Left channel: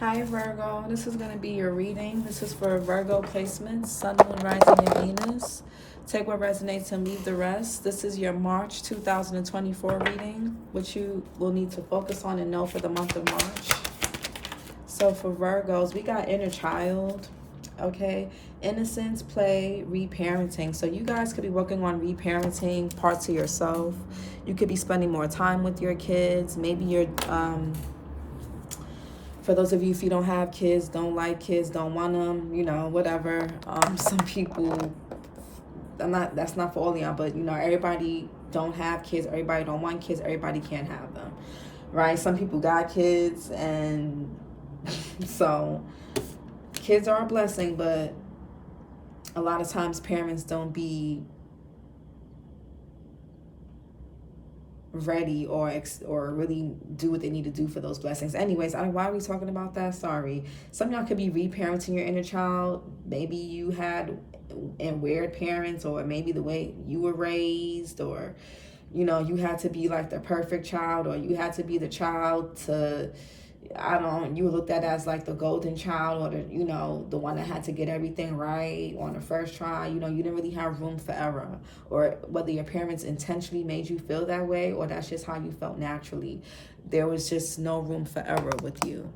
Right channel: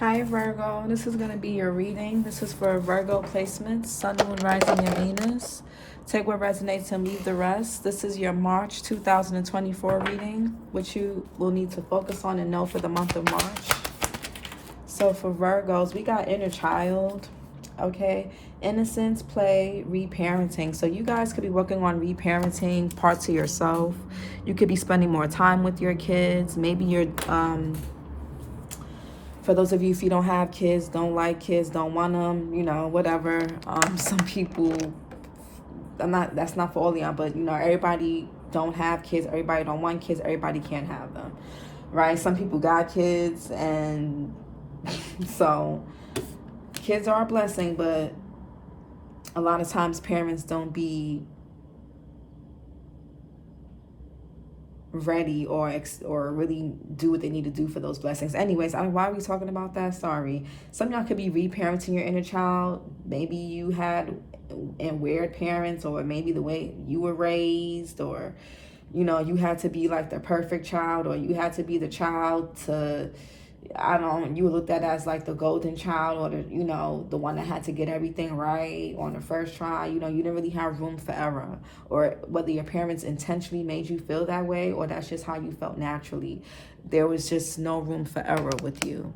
Hi Virgo, this is going to be your reading. This is for Virgo placements, Sun, Moon, Rising, and Venus. Take what resonates and leave the rest. This is your March 2024 reading, which you will need to focus on and know for the month of March. So for Virgos, we got inner child, okay? Innocence, play, reparenting. So you guys could be working on reparenting parts of yourself. You could be spending more time with your kids. Maybe you're for those of you, if you don't have kids, don't like kids, don't want them, you know, whatever. Some people, that's not for all of y'all, but you know, everybody don't have kids, everybody don't want kids, everybody can't have them, right? Some people got kids, and so kids are a blessing, but a lot of times parents don't be ready or really do what they need to do for those blessings. Anyways, why are we talking about that? Sorry. Some of y'all could be reparenting your inner child. Maybe you had and weird parents, or maybe the way you were raised, or you know, you had to be like the perfect child, or you had to be the child to, I don't know, you were looked at as like the golden child, or the, you know, the one that had to get everything right on the first try. You know, you didn't really have room for error, or whether your parents intentionally made you feel that way, or that's just how you felt naturally. There was just no room for error with you.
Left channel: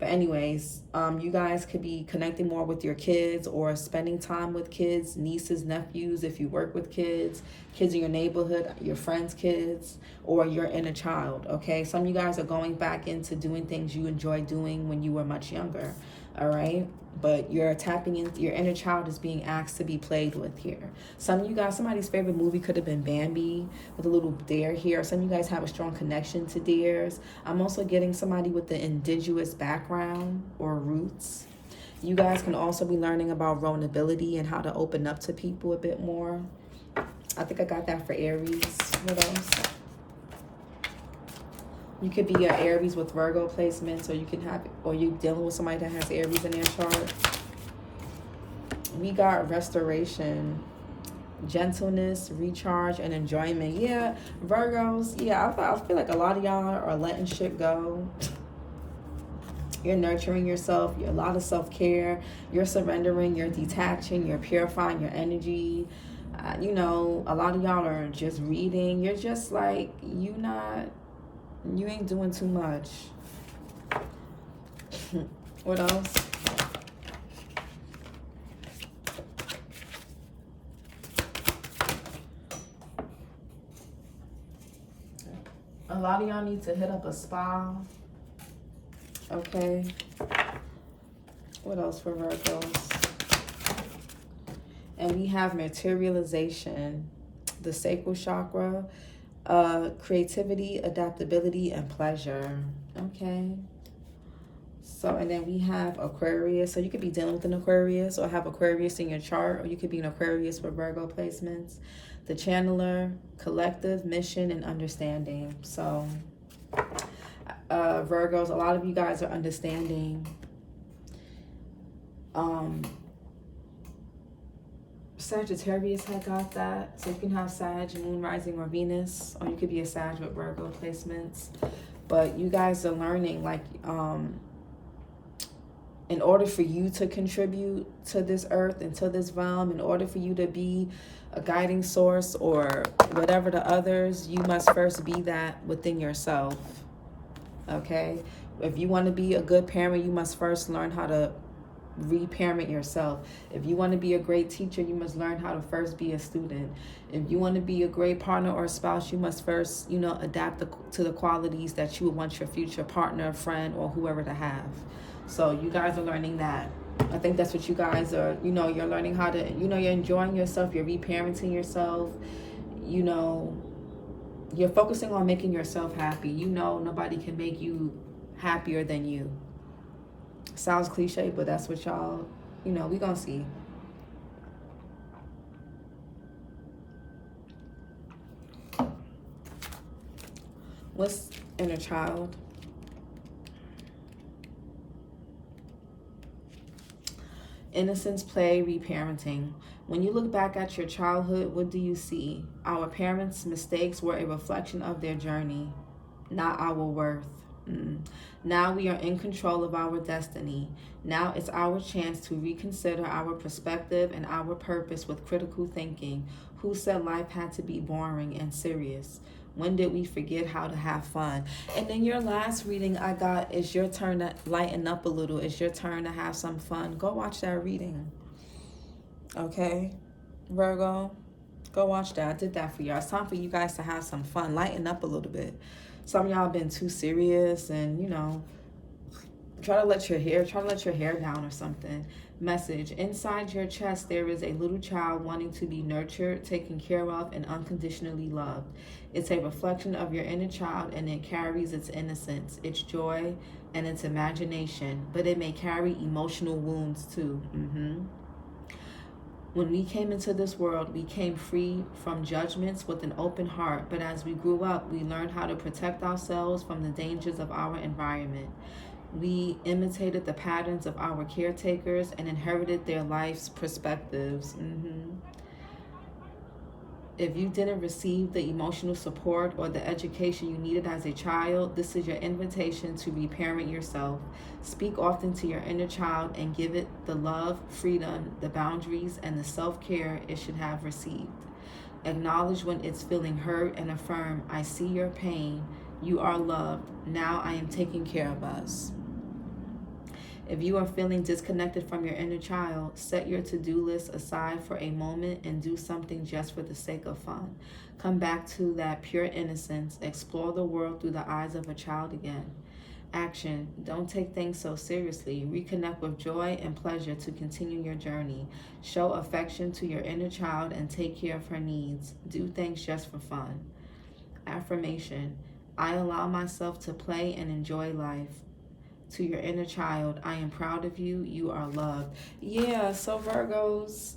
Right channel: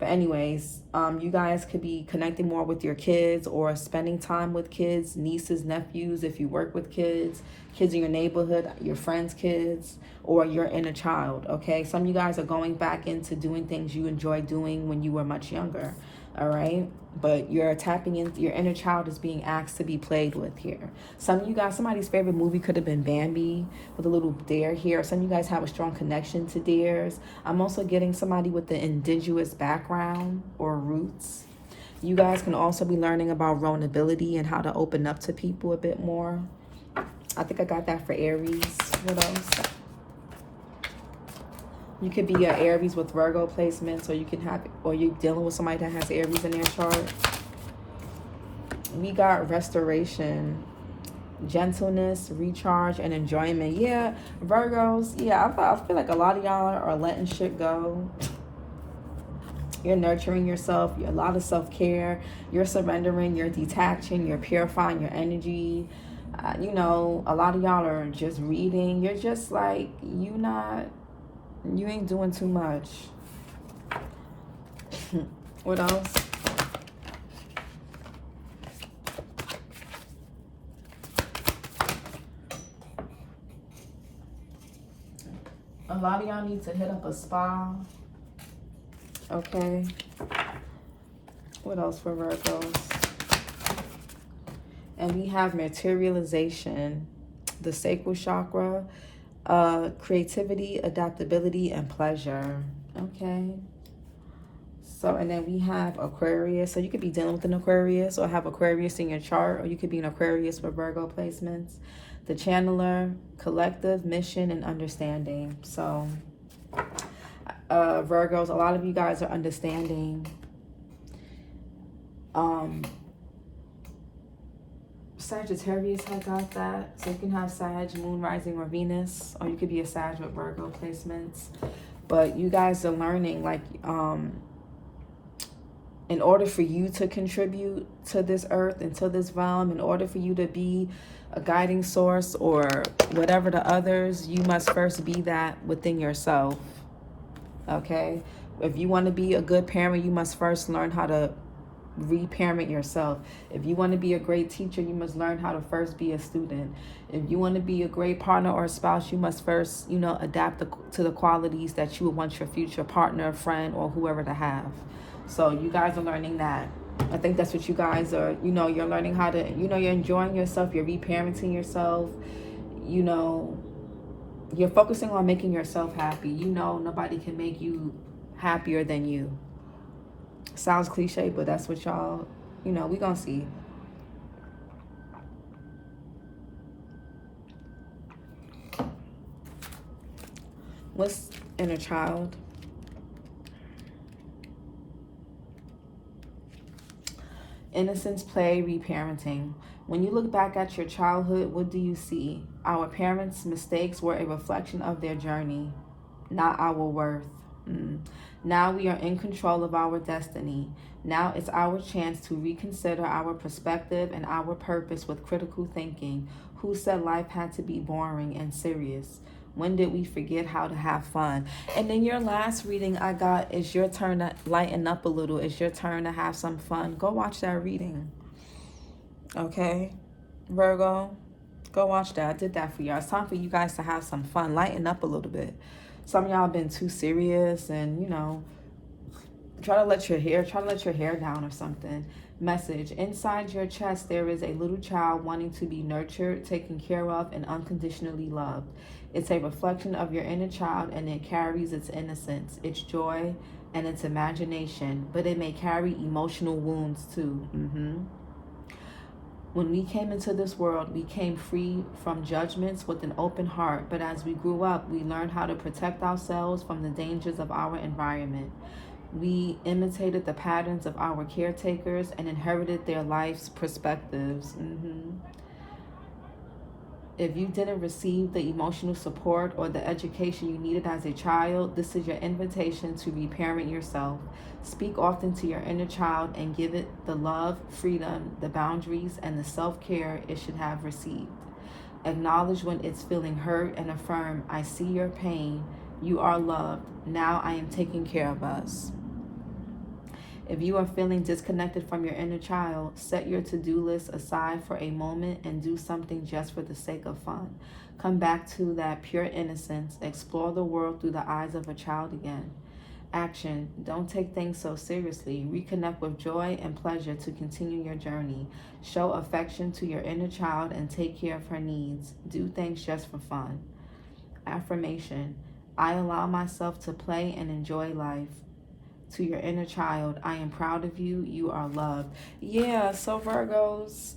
But anyways, you guys could be connecting more with your kids, or spending time with kids, nieces, nephews, if you work with kids in your neighborhood, your friends' kids, or your inner child, okay? Some of you guys are going back into doing things you enjoyed doing when you were much younger, all right? But you're tapping into your inner child is being asked to be played with here. Some of you guys, somebody's favorite movie could have been Bambi with a little dare here. Some of you guys have a strong connection to dares. I'm also getting somebody with the indigenous background or roots. You guys can also be learning about vulnerability and how to open up to people a bit more. I think I got that for Aries. What else? You could be an Aries with Virgo placements, or you can have, or you dealing with somebody that has Aries in their chart. We got restoration, gentleness, recharge, and enjoyment. Yeah, Virgos. Yeah, I feel like a lot of y'all are letting shit go. You're nurturing yourself. You're a lot of self-care. You're surrendering. You're detaching. You're purifying your energy. You know, a lot of y'all are just reading. You're just like, you ain't doing too much. What else? A lot of y'all need to hit up a spa. Okay. What else for Virgos? And we have materialization, the sacral chakra, creativity, adaptability, and pleasure. Okay. So, and then we have Aquarius. So you could be dealing with an Aquarius, or have Aquarius in your chart, or you could be an Aquarius for Virgo placements. The channeler, collective, mission, and understanding. So Virgos, a lot of you guys are understanding. Sagittarius had got that. So you can have Sag, Moon, Rising, or Venus, or you could be a Sag with Virgo placements. But you guys are learning, like, in order for you to contribute to this earth and to this realm, in order for you to be a guiding source or whatever to others, you must first be that within yourself. Okay? If you want to be a good parent, you must first learn how to reparent yourself. If you want to be a great teacher, you must learn how to first be a student. If you want to be a great partner or spouse, you must first, you know, adapt to the qualities that you would want your future partner, friend, or whoever to have. So you guys are learning that. I think that's what you guys are, you know, you're learning how to, you know, you're enjoying yourself, you're reparenting yourself, you know, you're focusing on making yourself happy. You know, nobody can make you happier than you. Sounds cliche, but that's what y'all, you know, we gonna see. What's inner child? Innocence, play, reparenting. When you look back at your childhood, what do you see? Our parents' mistakes were a reflection of their journey, not our worth. Now we are in control of our destiny. Now it's our chance to reconsider our perspective and our purpose with critical thinking. Who said life had to be boring and serious? When did we forget how to have fun? And then your last reading I got is your turn to lighten up a little. It's your turn to have some fun. Go watch that reading. Okay, Virgo, go watch that. I did that for y'all. It's time for you guys to have some fun. Lighten up a little bit. Some of y'all been too serious and, you know, try to let your hair down or something. Message: inside your chest there is a little child wanting to be nurtured, taken care of, and unconditionally loved. It's a reflection of your inner child, and it carries its innocence, its joy, and its imagination, but it may carry emotional wounds too. When we came into this world, we came free from judgments with an open heart, but as we grew up, we learned how to protect ourselves from the dangers of our environment. We imitated the patterns of our caretakers and inherited their life's perspectives. If you didn't receive the emotional support or the education you needed as a child, this is your invitation to reparent yourself. Speak often to your inner child and give it the love, freedom, the boundaries, and the self-care it should have received. Acknowledge when it's feeling hurt and affirm, I see your pain. You are loved. Now I am taking care of us. If you are feeling disconnected from your inner child, set your to-do list aside for a moment and do something just for the sake of fun. Come back to that pure innocence. Explore the world through the eyes of a child again. Action: don't take things so seriously. Reconnect with joy and pleasure to continue your journey. Show affection to your inner child and take care of her needs. Do things just for fun. Affirmation: I allow myself to play and enjoy life. To your inner child, I am proud of you. You are loved. Yeah, so Virgos,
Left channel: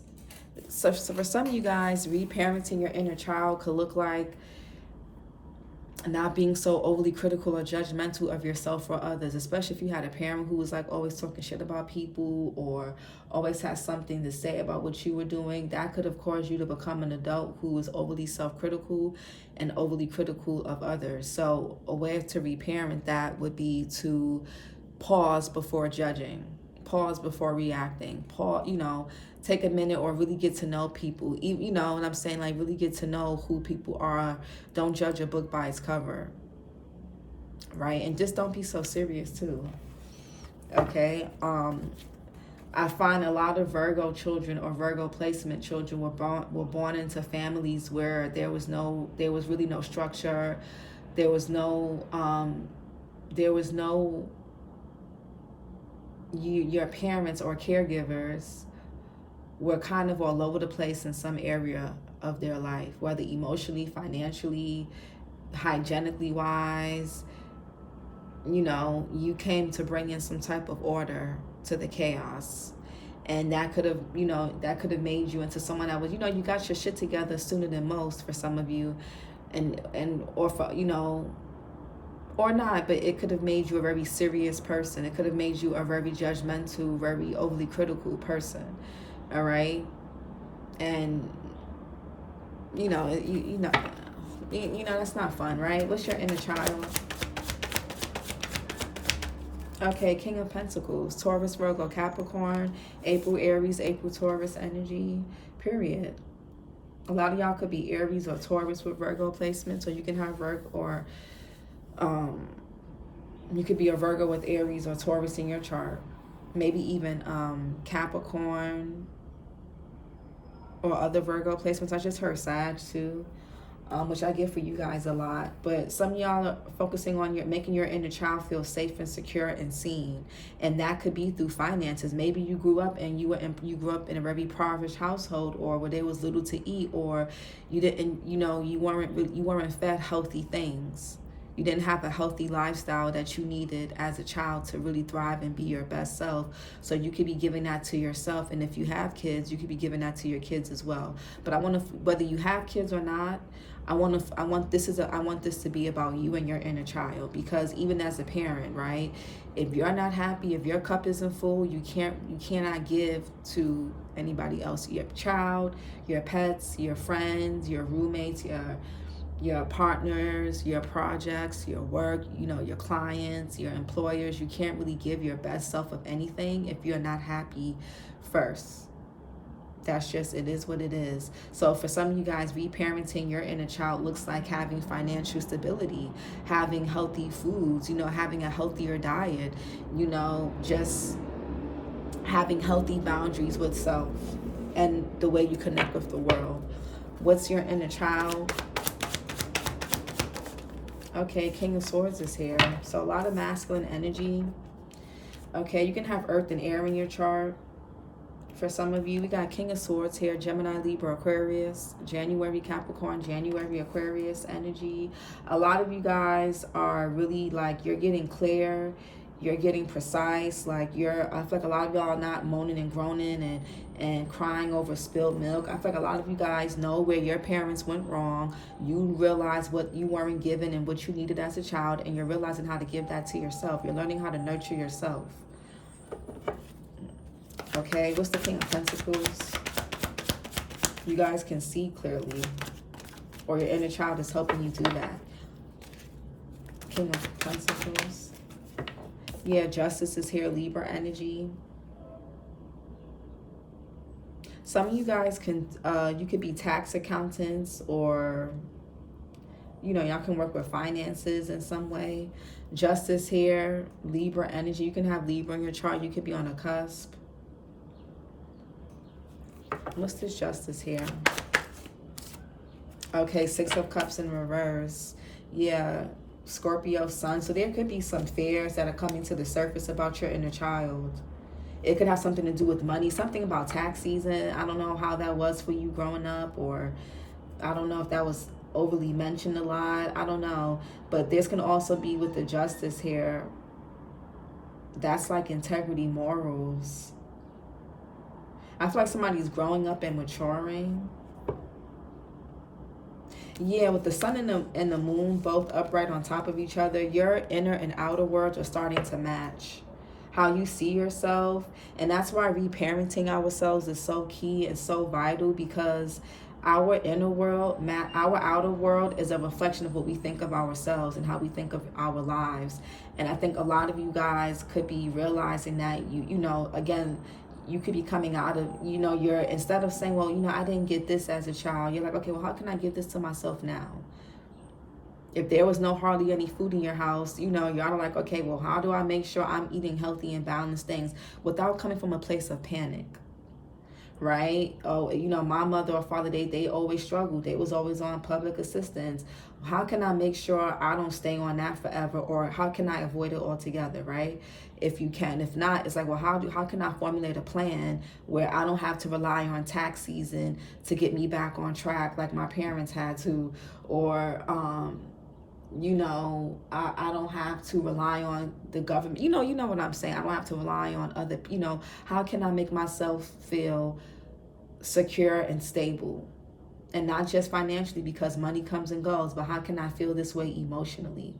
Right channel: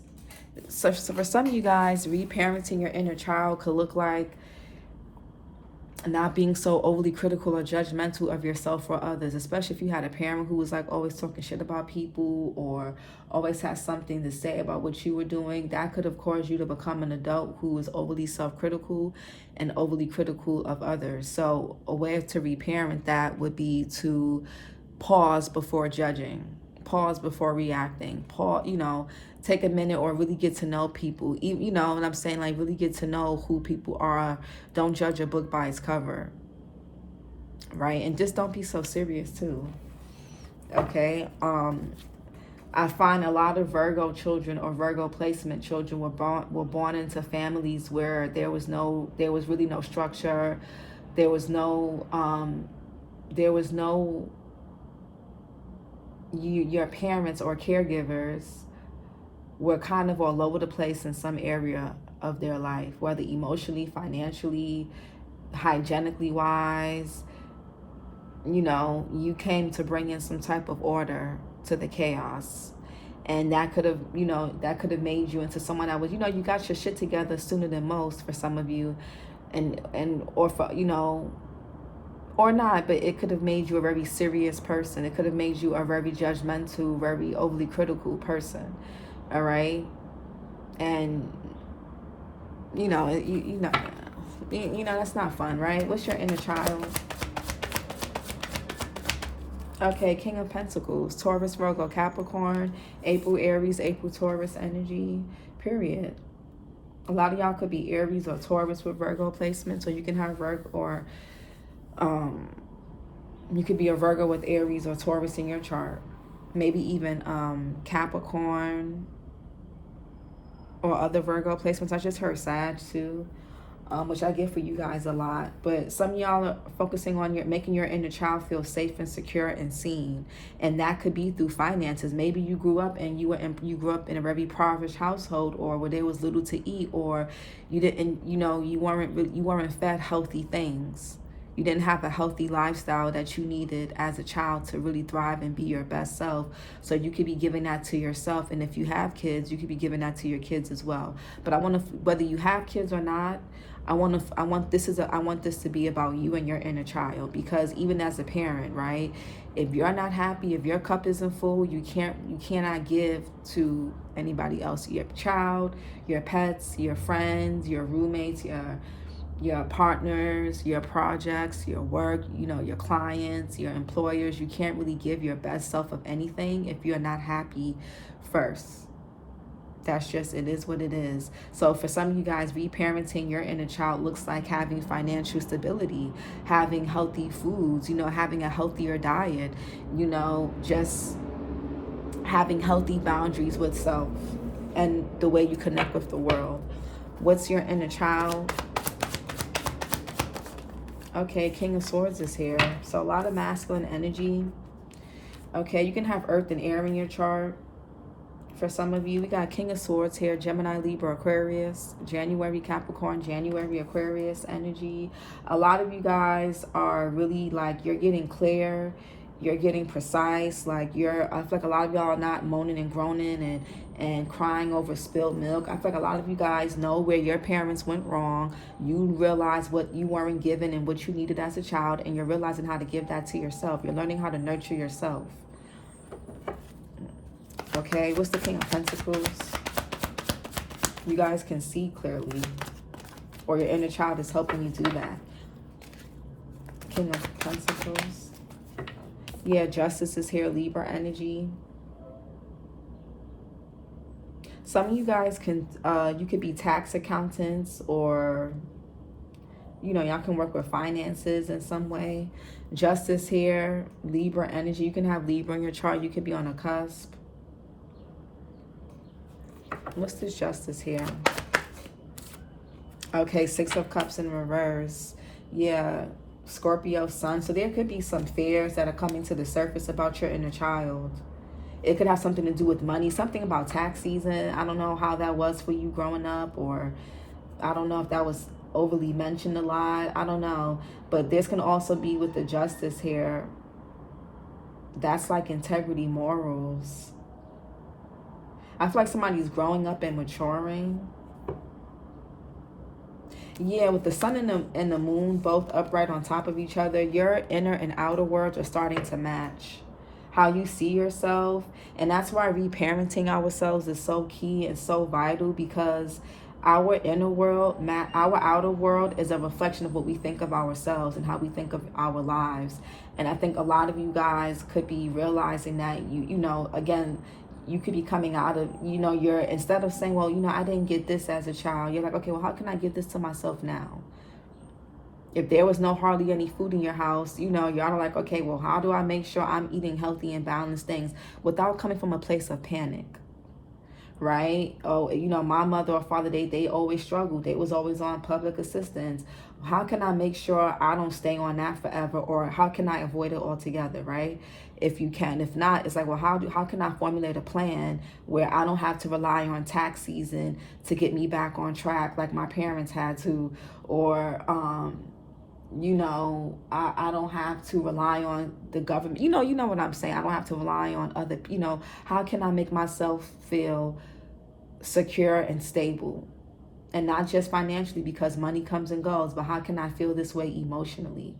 so for some of you guys, reparenting your inner child could look like not being so overly critical or judgmental of yourself or others, especially if you had a parent who was like always talking shit about people or always had something to say about what you were doing. That could have caused you to become an adult who was overly self-critical and overly critical of others. So a way to reparent that would be to pause before judging, pause before reacting, pause, take a minute or really get to know people. You know what I'm saying? Like, really get to know who people are. Don't judge a book by its cover, right? And just don't be so serious too. Okay. I find a lot of Virgo children or Virgo placement children were born into families where there was really no structure. There was no your parents or caregivers were kind of all over the place in some area of their life, whether emotionally, financially, hygienically wise. You came to bring in some type of order to the chaos, and that could have made you into someone that was, you got your shit together sooner than most for some of you, or for or not, but it could have made you a very serious person. It could have made you a very judgmental, very overly critical person. All right, and that's not fun, right? What's your inner child? Okay, King of Pentacles, Taurus, Virgo, Capricorn, April, Aries, April, Taurus energy. Period. A lot of y'all could be Aries or Taurus with Virgo placement, so you can have Virgo or. You could be a Virgo with Aries or Taurus in your chart. Maybe even Capricorn or other Virgo placements. I just heard Sag too, which I get for you guys a lot. But some of y'all are focusing on making your inner child feel safe and secure and seen, and that could be through finances. Maybe you grew up and you grew up in a very impoverished household, or where there was little to eat, or you didn't, you weren't fed healthy things. You didn't have a healthy lifestyle that you needed as a child to really thrive and be your best self. So you could be giving that to yourself. And if you have kids, you could be giving that to your kids as well. But I want to, whether you have kids or not, I want this to be about you and your inner child. Because even as a parent, right? If you're not happy, if your cup isn't full, you cannot give to anybody else. Your child, your pets, your friends, your roommates, your partners, your projects, your work, you know, your clients, your employers. You can't really give your best self of anything if you're not happy first. That's just, it is what it is. So for some of you guys, reparenting your inner child looks like having financial stability, having healthy foods, you know, having a healthier diet, you know, just having healthy boundaries with self and the way you connect with the world. What's your inner child? Okay, King of Swords is here. So a lot of masculine energy. Okay, you can have Earth and Air in your chart. For some of you, we got King of Swords here, Gemini, Libra, Aquarius, January, Capricorn, January, Aquarius energy. A lot of you guys are really like, you're getting clear, you're getting precise, like I feel like a lot of y'all are not moaning and groaning and crying over spilled milk. I feel like a lot of you guys know where your parents went wrong. You realize what you weren't given and what you needed as a child, and you're realizing how to give that to yourself. You're learning how to nurture yourself. Okay, what's the King of Pentacles? You guys can see clearly, or your inner child is helping you do that. King of Pentacles. Yeah, Justice is here, Libra energy. Some of you guys can, you could be tax accountants, or, you know, y'all can work with finances in some way. Justice here, Libra energy. You can have Libra in your chart. You could be on a cusp. What's this Justice here? Okay, Six of Cups in reverse. Yeah, Scorpio sun. So there could be some fears that are coming to the surface about your inner child. It could have something to do with money, something about tax season. I don't know how that was for you growing up, or I don't know if that was overly mentioned a lot. I don't know. But this can also be with the Justice here. That's like integrity, morals. I feel like somebody's growing up and maturing. Yeah, with the sun and the moon both upright on top of each other, your inner and outer worlds are starting to match. How you see yourself. And that's why reparenting ourselves is so key and so vital, because our inner world, our outer world is a reflection of what we think of ourselves and how we think of our lives. And I think a lot of you guys could be realizing that, you know, again, you could be coming out of, you know, you're, instead of saying, well, you know, I didn't get this as a child, you're like, okay, well, how can I give this to myself now? If there was no hardly any food in your house, you know, you're like, okay, well, how do I make sure I'm eating healthy and balanced things without coming from a place of panic? Right? Oh, you know, my mother or father, they always struggled. They was always on public assistance. How can I make sure I don't stay on that forever? Or how can I avoid it altogether, right? If you can. If not, it's like, well, how can I formulate a plan where I don't have to rely on tax season to get me back on track like my parents had to? Or, you know, I don't have to rely on the government. You know what I'm saying? I don't have to rely on other, you know, how can I make myself feel secure and stable? And not just financially, because money comes and goes, but how can I feel this way emotionally?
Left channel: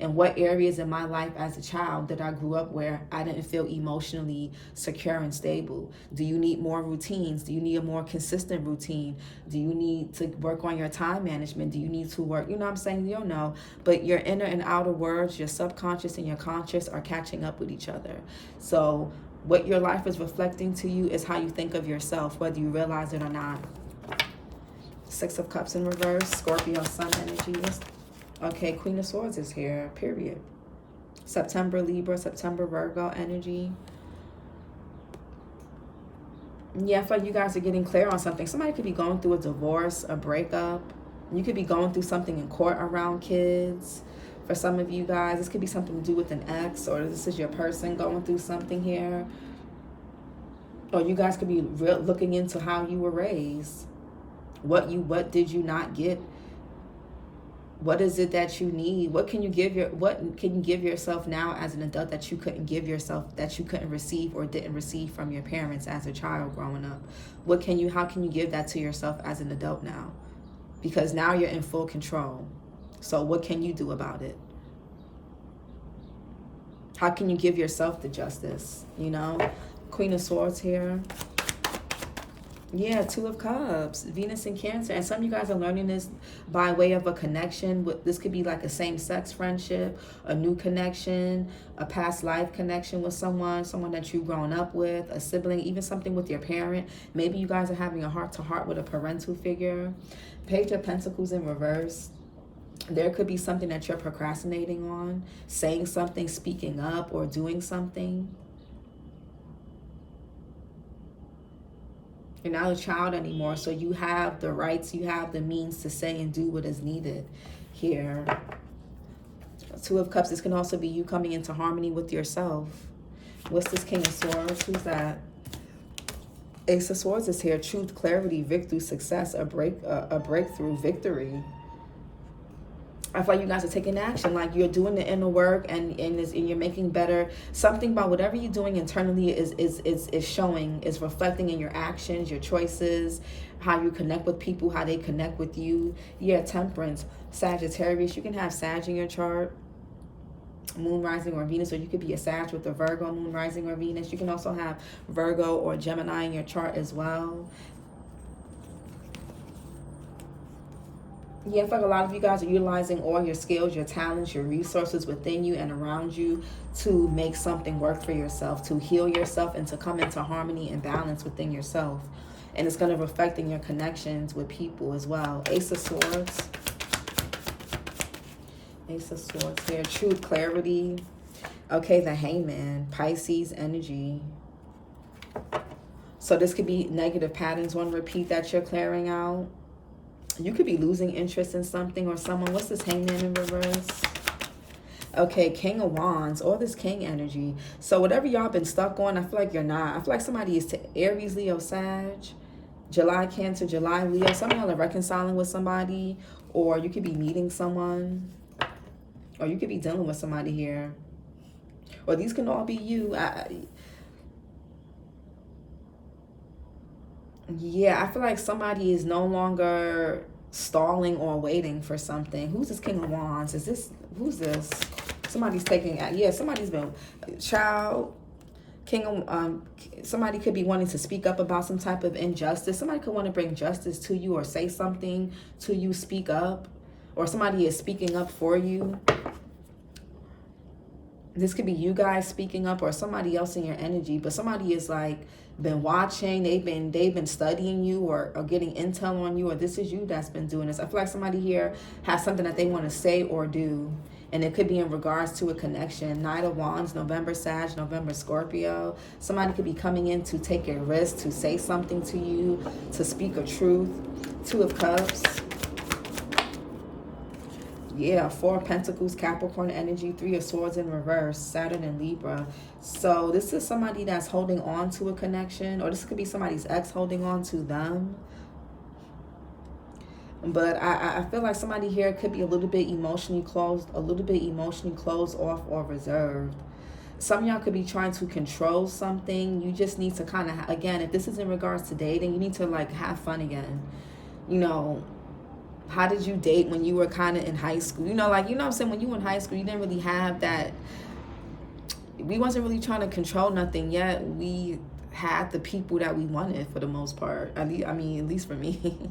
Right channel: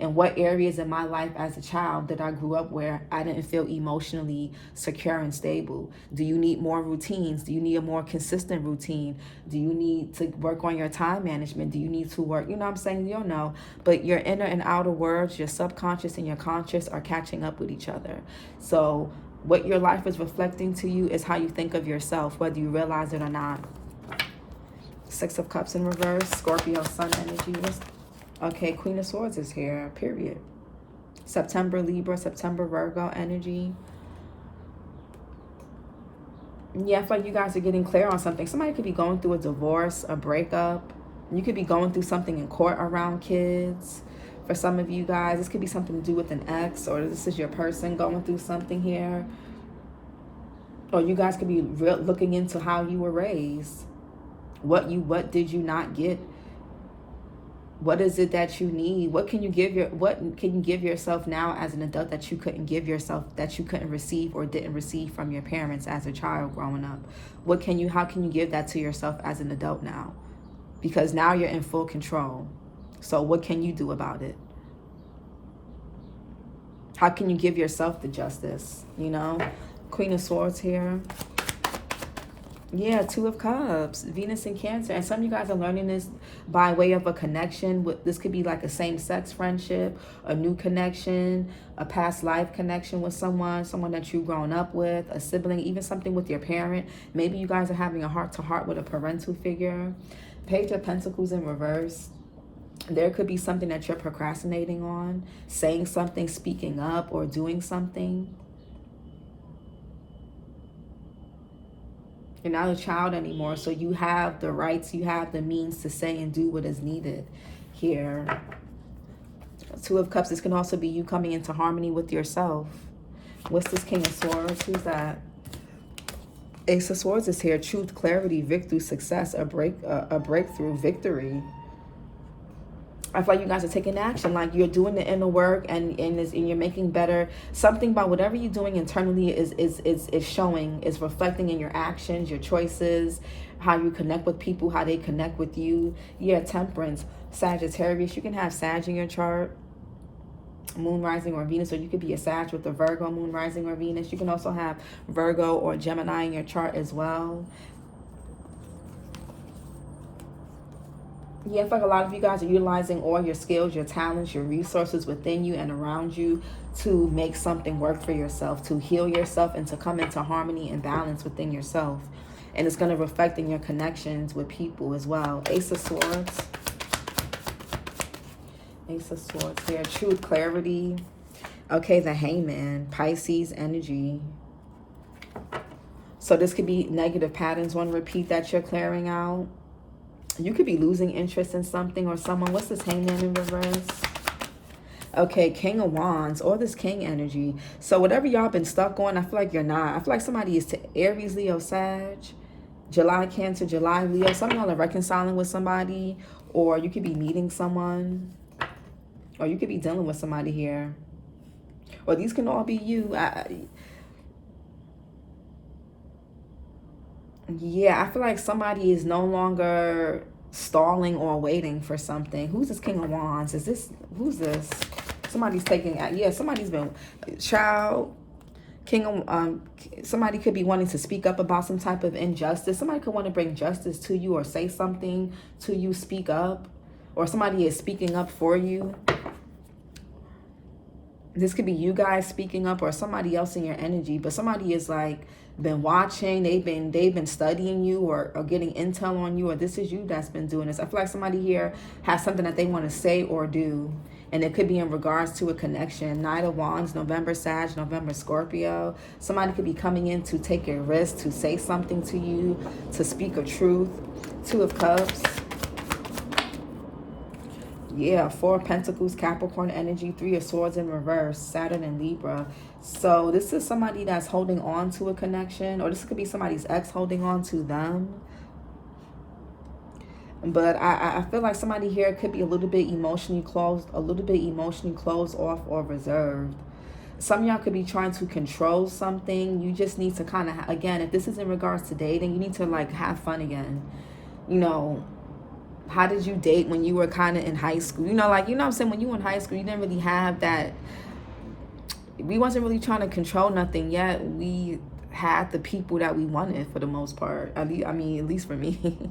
And what areas in my life as a child that I grew up where I didn't feel emotionally secure and stable? Do you need more routines? Do you need a more consistent routine? Do you need to work on your time management? Do you need to work, you know what I'm saying? You don't know. But your inner and outer worlds, your subconscious and your conscious are catching up with each other. So what your life is reflecting to you is how you think of yourself, whether you realize it or not. Six of Cups in reverse, Scorpio sun energy. Okay, Queen of Swords is here, period. September, Libra, September, Virgo energy. Yeah, I feel like you guys are getting clear on something. Somebody could be going through a divorce, a breakup. You could be going through something in court around kids. For some of you guys, this could be something to do with an ex, or this is your person going through something here. Or you guys could be looking into how you were raised. What did you not get? What is it that you need? What can you give yourself now as an adult that you couldn't give yourself, that you couldn't receive or didn't receive from your parents as a child growing up? How can you give that to yourself as an adult now? Because now you're in full control. So what can you do about it? How can you give yourself the justice, you know? Queen of Swords here. Yeah, Two of Cups, Venus in Cancer. And some of you guys are learning this by way of a connection. This could be like a same-sex friendship, a new connection, a past life connection with someone that you've grown up with, a sibling, even something with your parent. Maybe you guys are having a heart-to-heart with a parental figure. Page of Pentacles in reverse. There could be something that you're procrastinating on, saying something, speaking up, or doing something. You're not a child anymore, so you have the rights, you have the means to say and do what is needed here. Two of Cups, this can also be you coming into harmony with yourself. What's this King of Swords? Who's that? Ace of Swords is here. Truth, clarity, victory, success, a breakthrough, victory. I feel like you guys are taking action, like you're doing the inner work and you're making better. Something about whatever you're doing internally is showing, is reflecting in your actions, your choices, how you connect with people, how they connect with you. Yeah, Temperance, Sagittarius. You can have Sag in your chart, Moon, Rising, or Venus, or you could be a Sag with a Virgo, Moon, Rising, or Venus. You can also have Virgo or Gemini in your chart as well. Yeah, I feel like a lot of you guys are utilizing all your skills, your talents, your resources within you and around you to make something work for yourself, to heal yourself, and to come into harmony and balance within yourself. And it's going to reflect in your connections with people as well. Ace of Swords. Ace of Swords here. Truth, clarity. Okay, the Hangman. Pisces energy. So this could be negative patterns on repeat that you're clearing out. You could be losing interest in something or someone. What's this Hangman in reverse? Okay, King of Wands, or this King energy. So whatever y'all been stuck on, I feel like you're not. I feel like somebody is to Aries, Leo, Sag, July, Cancer, July, Leo. Some of y'all are reconciling with somebody, or you could be meeting someone, or you could be dealing with somebody here. Or these can all be you. Yeah, I feel like somebody is no longer stalling or waiting for something. Who's this King of Wands? Who's this? Somebody's taking, yeah, somebody's been, child, King of, somebody could be wanting to speak up about some type of injustice. Somebody could want to bring justice to you or say something to you, speak up, or somebody is speaking up for you. This could be you guys speaking up or somebody else in your energy, but somebody is like, been watching, they've been studying you or getting intel on you, or this is you that's been doing this. I feel like somebody here has something that they want to say or do, and it could be in regards to a connection. Knight of Wands, November Sag, November Scorpio. Somebody could be coming in to take a risk, to say something to you, to speak a truth. Two of Cups. Yeah, Four of Pentacles, Capricorn energy, Three of Swords in reverse, Saturn and Libra. So this is somebody that's holding on to a connection, or this could be somebody's ex holding on to them. But I feel like somebody here could be a little bit emotionally closed off or reserved. Some of y'all could be trying to control something. You just need to kind of, again, if this is in regards to dating, you need to like have fun again. You know, how did you date when you were kind of in high school? You know, like, you know what I'm saying? When you were in high school, you didn't really have that. We wasn't really trying to control nothing yet. We had the people that we wanted for the most part. I mean, at least for me.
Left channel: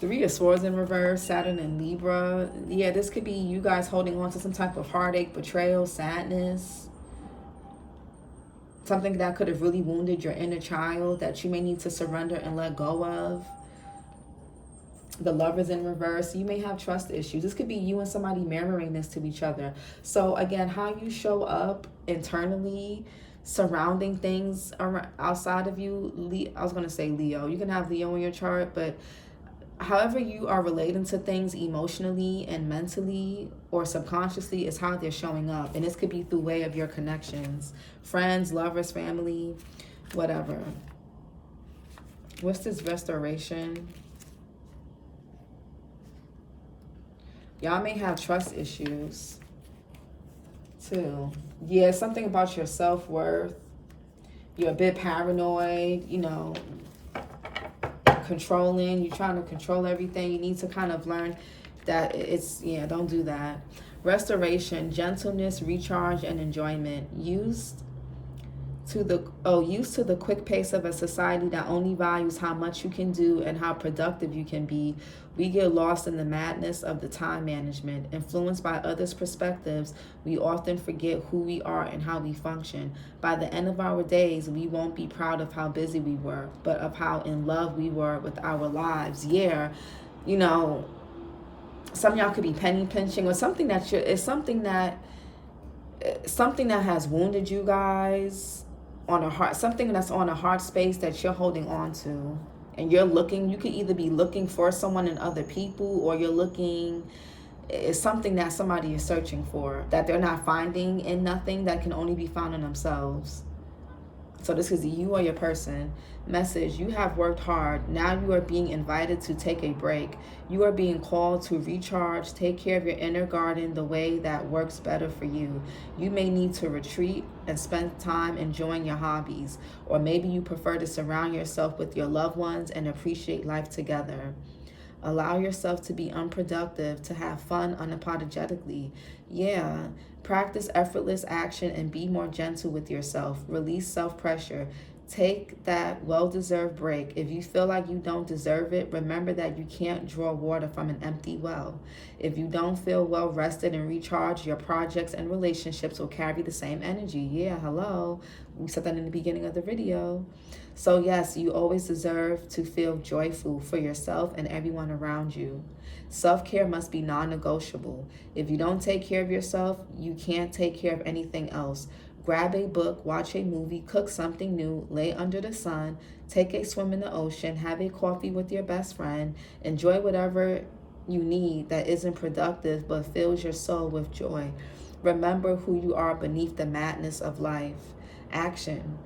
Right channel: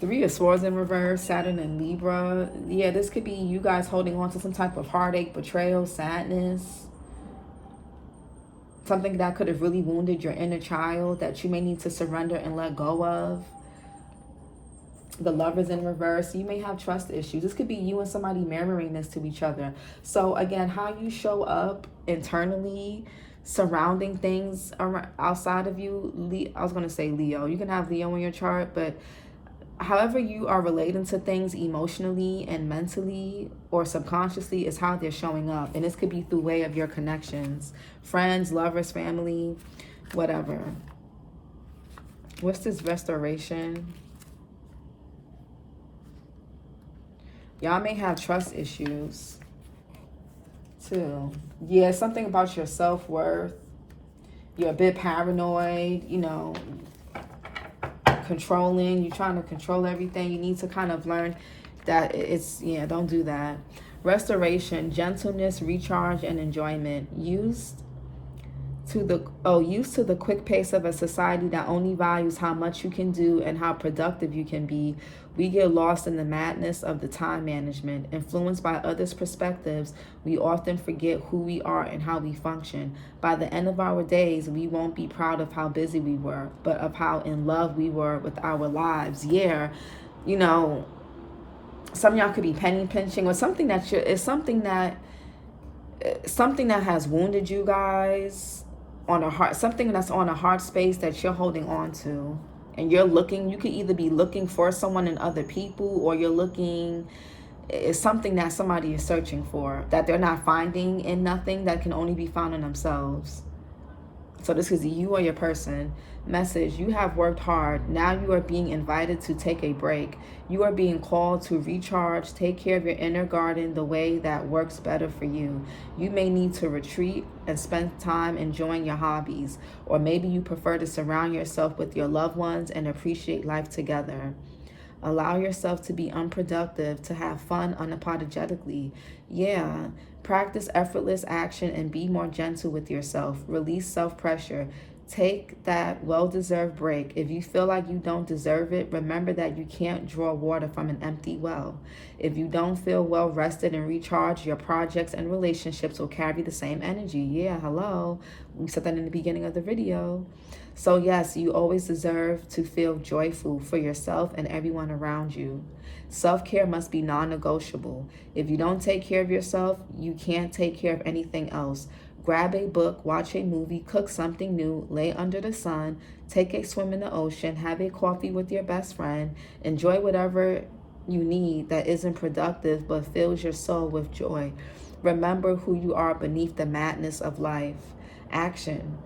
Three of Swords in reverse, Saturn and Libra. Yeah, this could be you guys holding on to some type of heartache, betrayal, sadness. Something that could have really wounded your inner child that you may need to surrender and let go of. The Lovers in reverse. You may have trust issues. This could be you and somebody mirroring this to each other. So again, how you show up internally, surrounding things outside of you. I was going to say Leo. You can have Leo in your chart, but however you are relating to things emotionally and mentally or subconsciously is how they're showing up. And this could be through way of your connections. Friends, lovers, family, whatever. What's this Restoration? Y'all may have trust issues too. Yeah, something about your self-worth. You're a bit paranoid, you know, controlling. You're trying to control everything. You need to kind of learn that it's, yeah, don't do that. Restoration, gentleness, recharge, and enjoyment. Used Used to the quick pace of a society that only values how much you can do and how productive you can be, we get lost in the madness of the time management. Influenced by others' perspectives, we often forget who we are and how we function. By the end of our days, we won't be proud of how busy we were, but of how in love we were with our lives. Yeah, you know, some of y'all could be penny pinching, or something that something that has wounded you guys on a heart, something that's on a heart space that you're holding on to, and you could either be looking for someone in other people, or it's something that somebody is searching for that they're not finding in nothing, that can only be found in themselves. So this is you or your person. Message: you have worked hard. Now you are being invited to take a break. You are being called to recharge, take care of your inner garden the way that works better for you. You may need to retreat and spend time enjoying your hobbies, or maybe you prefer to surround yourself with your loved ones and appreciate life together. Allow yourself to be unproductive, to have fun unapologetically. Yeah. Practice effortless action and be more gentle with yourself. Release self-pressure. Take that well-deserved break. If you feel like you don't deserve it, remember that you can't draw water from an empty well. If you don't feel well rested and recharged, your projects and relationships will carry the same energy. Yeah, hello. We said that in the beginning of the video. So yes, you always deserve to feel joyful for yourself and everyone around you. Self-care must be non-negotiable. If you don't take care of yourself, you can't take care of anything else. Grab a book, watch a movie, cook something new, lay under the sun, take a swim in the ocean, have a coffee with your best friend, enjoy whatever you need that isn't productive but fills your soul with joy. Remember who you are beneath the madness of life. Action.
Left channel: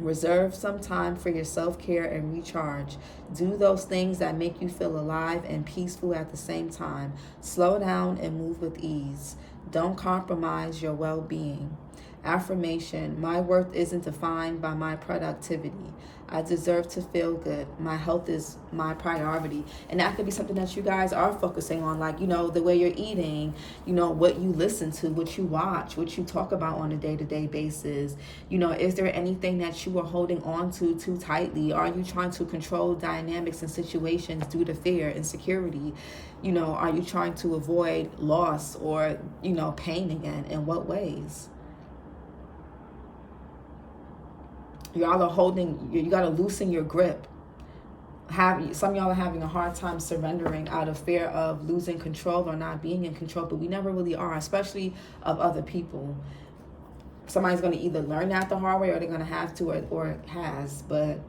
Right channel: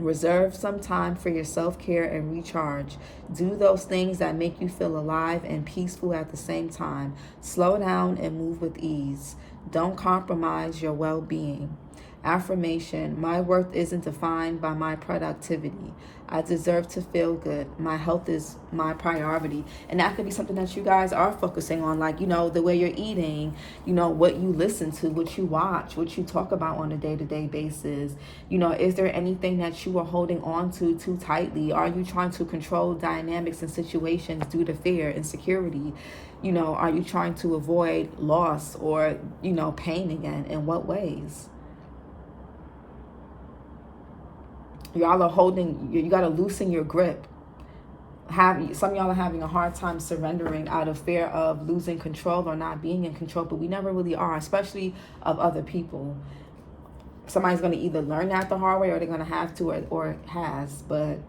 Reserve some time for your self-care and recharge. Do those things that make you feel alive and peaceful at the same time. Slow down and move with ease. Don't compromise your well-being. Affirmation: my worth isn't defined by my productivity. I deserve to feel good. My health is my priority. And that could be something that you guys are focusing on, like, the way you're eating, what you listen to, what you watch, what you talk about on a day-to-day basis. Is there anything that you are holding on to too tightly? Are you trying to control dynamics and situations due to fear, insecurity? Are you trying to avoid loss or, pain again? In what ways? Y'all are holding, you got to loosen your grip. Some of y'all are having a hard time surrendering out of fear of losing control or not being in control, but we never really are, especially of other people. Somebody's going to either learn that the hard way, or they're going to have to, or has. But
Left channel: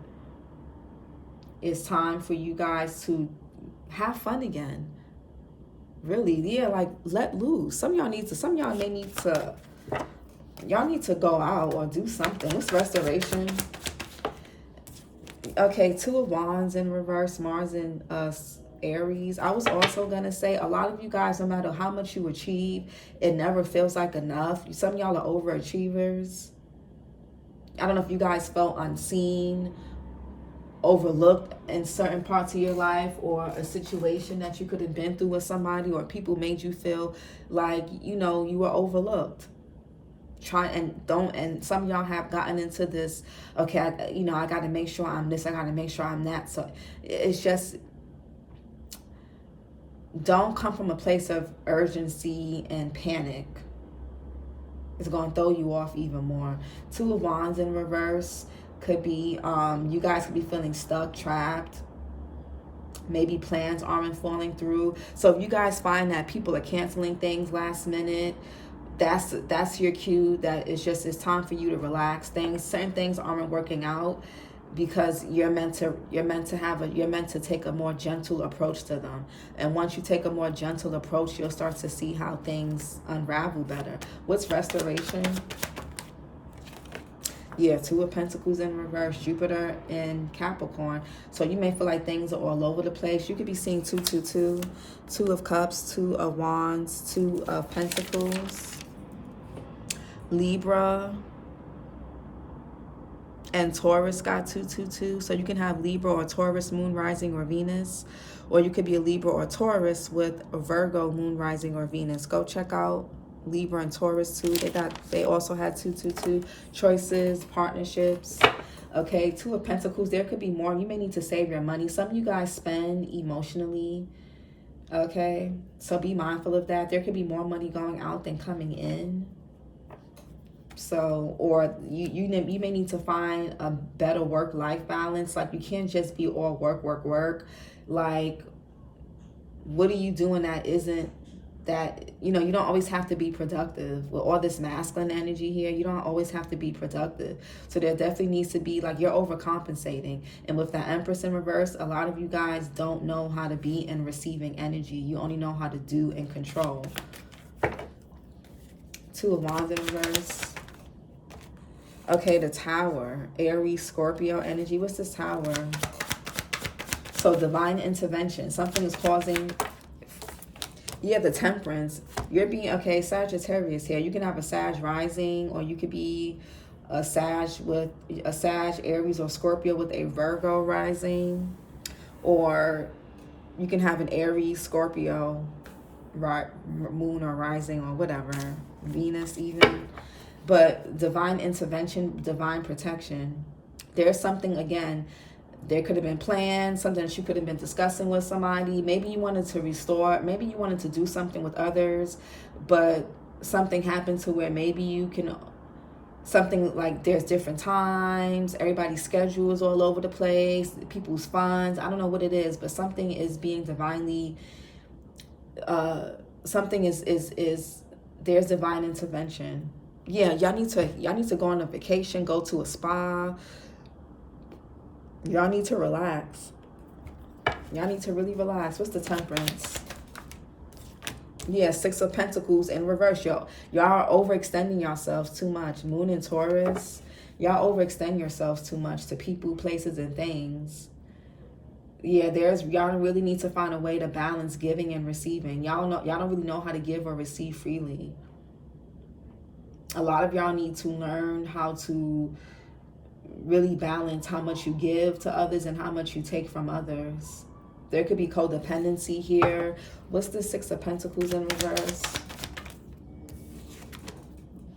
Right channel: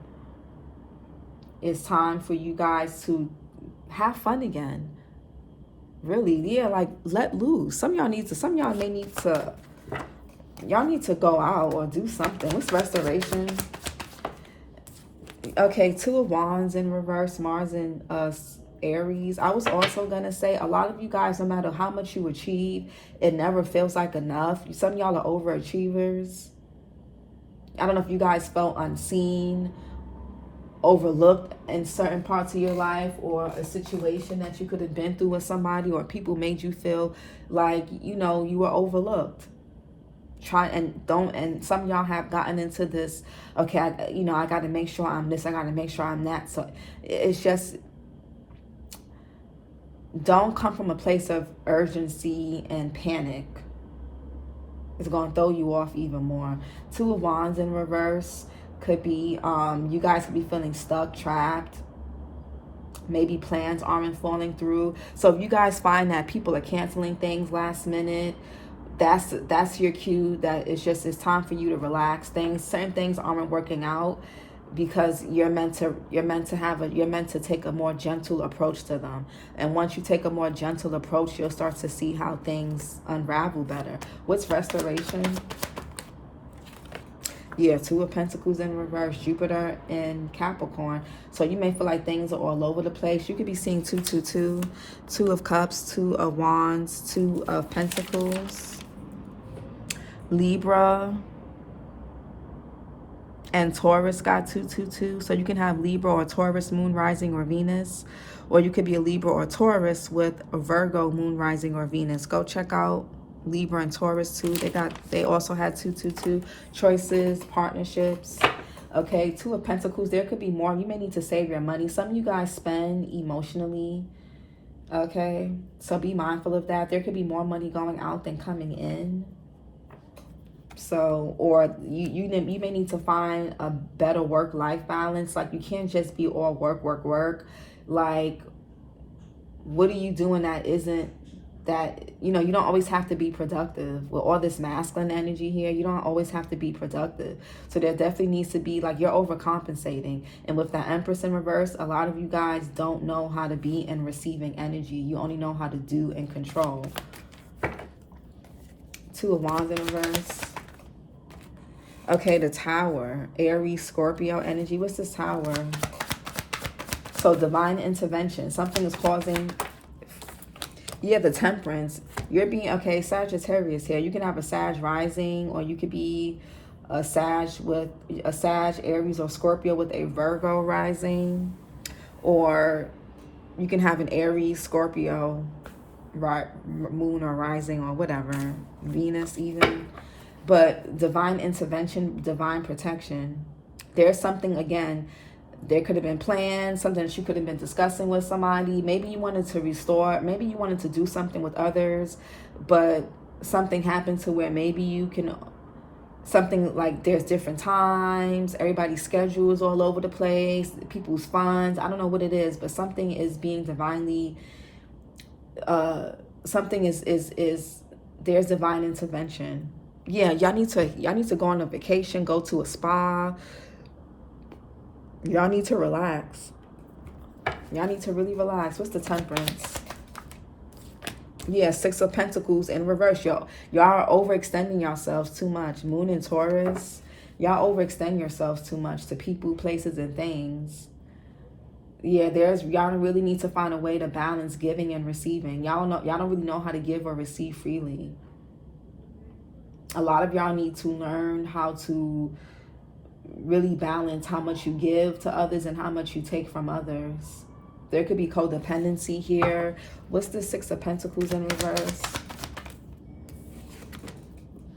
it's time for you guys to have fun again. Really, yeah, like let loose. Some of y'all y'all need to go out or do something. It's restoration. Okay, Two of Wands in reverse, Mars in Aries. I was also going to say, a lot of you guys, no matter how much you achieve, it never feels like enough. Some of y'all are overachievers. I don't know if you guys felt unseen, overlooked in certain parts of your life, or a situation that you could have been through with somebody, or people made you feel like, you were overlooked. And some of y'all have gotten into this, okay, I got to make sure I'm this, I got to make sure I'm that. So it's just, don't come from a place of urgency and panic. It's going to throw you off even more. Two of Wands in reverse could be, you guys could be feeling stuck, trapped. Maybe plans aren't falling through. So if you guys find that people are canceling things last minute, that's your cue that it's time for you to relax. Certain things aren't working out because you're meant to take a more gentle approach to them. And once you take a more gentle approach, you'll start to see how things unravel better. What's restoration? Yeah, Two of Pentacles in reverse, Jupiter in Capricorn. So you may feel like things are all over the place. You could be seeing 222, Two of Cups, Two of Wands, Two of Pentacles. Libra and Taurus got 222. So you can have Libra or Taurus, Moon, Rising, or Venus. Or you could be a Libra or Taurus with a Virgo, Moon, Rising, or Venus. Go check out Libra and Taurus too. They also had 222. Choices, partnerships. Okay, 2 of Pentacles. There could be more. You may need to save your money. Some of you guys spend emotionally. Okay, so be mindful of that. There could be more money going out than coming in. So, or you may need to find a better work-life balance. Like, you can't just be all work, work, work. Like, what are you doing that isn't, that, you know, you don't always have to be productive. With all this masculine energy here, you don't always have to be productive. So there definitely needs to be, like, you're overcompensating. And with the Empress in reverse, a lot of you guys don't know how to be in receiving energy. You only know how to do and control. 2 of Wands in reverse. Okay, the Tower. Aries, Scorpio energy. What's this Tower? So divine intervention. Something is causing... Yeah, the Temperance. You're being... Okay, Sagittarius here. You can have a Sag rising, or you could be a Sag with... A Sag, Aries, or Scorpio with a Virgo rising. Or you can have an Aries, Scorpio, moon or rising, or whatever. Venus even. But divine intervention, divine protection. There's something, again, there could have been plans, something that you could have been discussing with somebody. Maybe you wanted to restore, maybe you wanted to do something with others, but something happened to where maybe you can, something like there's different times, everybody's schedules all over the place, people's funds. I don't know what it is, but something is being divinely, something is there's divine intervention. Yeah, y'all need to go on a vacation, go to a spa. Y'all need to relax. Y'all need to really relax. What's the Temperance? Yeah, 6 of Pentacles in reverse. Y'all are overextending yourselves too much. Moon and Taurus. Y'all overextend yourselves too much to people, places, and things. Yeah, y'all really need to find a way to balance giving and receiving. Y'all don't really know how to give or receive freely. A lot of y'all need to learn how to really balance how much you give to others and how much you take from others. There could be codependency here. What's the 6 of Pentacles in reverse?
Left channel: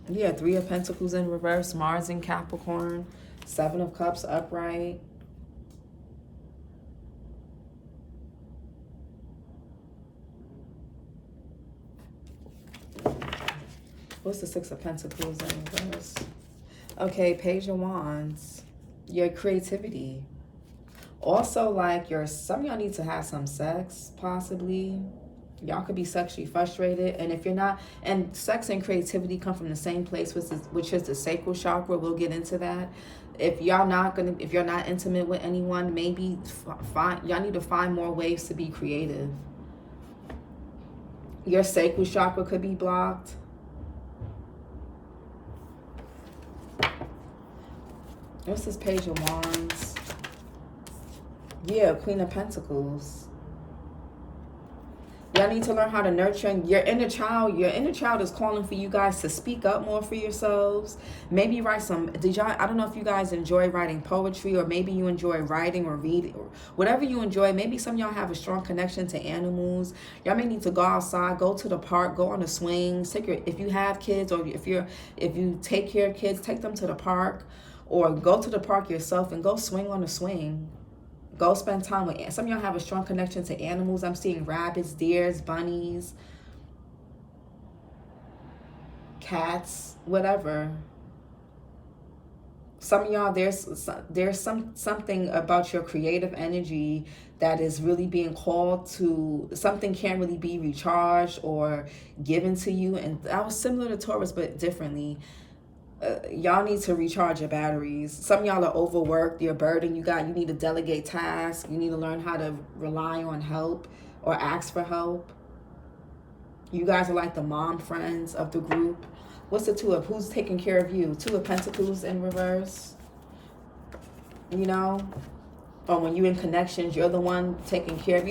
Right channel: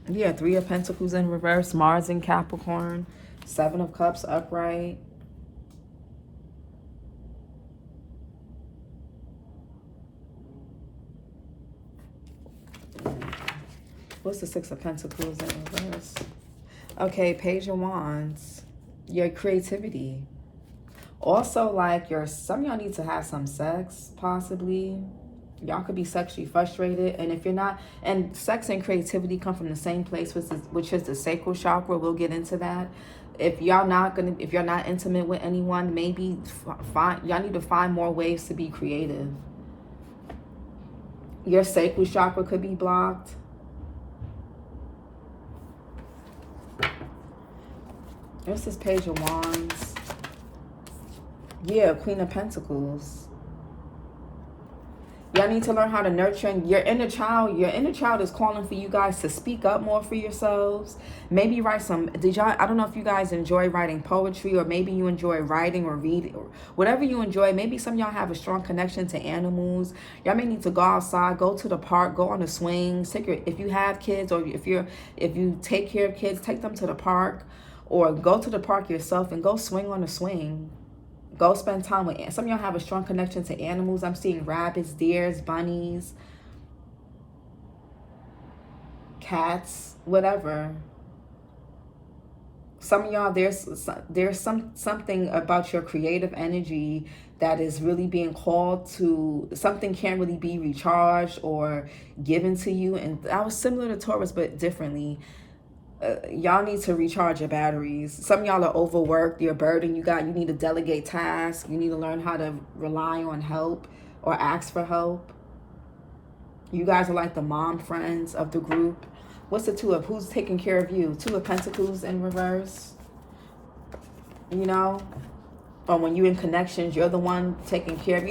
Yeah, 3 of Pentacles in reverse. Mars in Capricorn. 7 of Cups upright. What's the 6 of Pentacles in reverse? Okay, Page of Wands. Your creativity. Also, like, some of y'all need to have some sex, possibly. Y'all could be sexually frustrated. And if you're not, and sex and creativity come from the same place, which is the sacral chakra. We'll get into that. If you're not intimate with anyone, maybe y'all need to find more ways to be creative. Your sacral chakra could be blocked. This is Page of Wands. Yeah, Queen of Pentacles. Y'all need to learn how to nurture your inner child. Your inner child is calling for you guys to speak up more for yourselves. Maybe write some, I don't know if you guys enjoy writing poetry, or maybe you enjoy writing or reading, or whatever you enjoy. Maybe some of y'all have a strong connection to animals. Y'all may need to go outside, go to the park, go on the swings. If you have kids, or if you take care of kids, take them to the park. Or go to the park yourself and go swing on a swing. Go spend time with... Some of y'all have a strong connection to animals. I'm seeing rabbits, deers, bunnies, cats, whatever. Some of y'all, there's something about your creative energy that is really being called to. Something can't really be recharged or given to you. And that was similar to Taurus, but differently. Y'all need to recharge your batteries. Some of y'all are overworked. You're burdened. You need to delegate tasks. You need to learn how to rely on help or ask for help. You guys are like the mom friends of the group. What's the 2 of? Who's taking care of you? 2 of Pentacles in reverse. You know? Or when you're in connections, you're the one taking care of,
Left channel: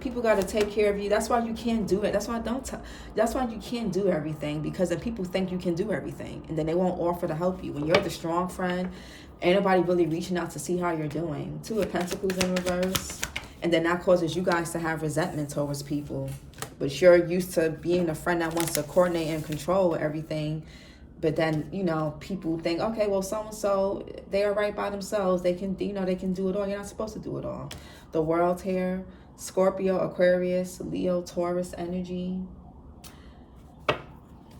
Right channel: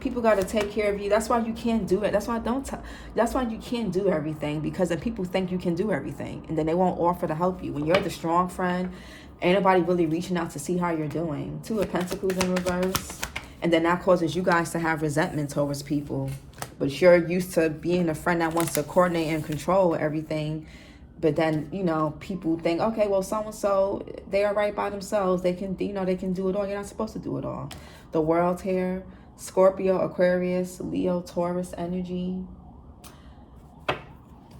people got to take care of you. That's why you can't do it. That's why you can't do everything, because then people think you can do everything, and then they won't offer to help you. When you're the strong friend, ain't nobody really reaching out to see how you're doing. 2 of Pentacles in reverse. And then that causes you guys to have resentment towards people. but you're used to being a friend that wants to coordinate and control everything. But then, you know, people think, okay, well, so-and-so, they are right by themselves. They can, you know, they can do it all. You're not supposed to do it all. The world here, Scorpio, Aquarius, Leo, Taurus energy.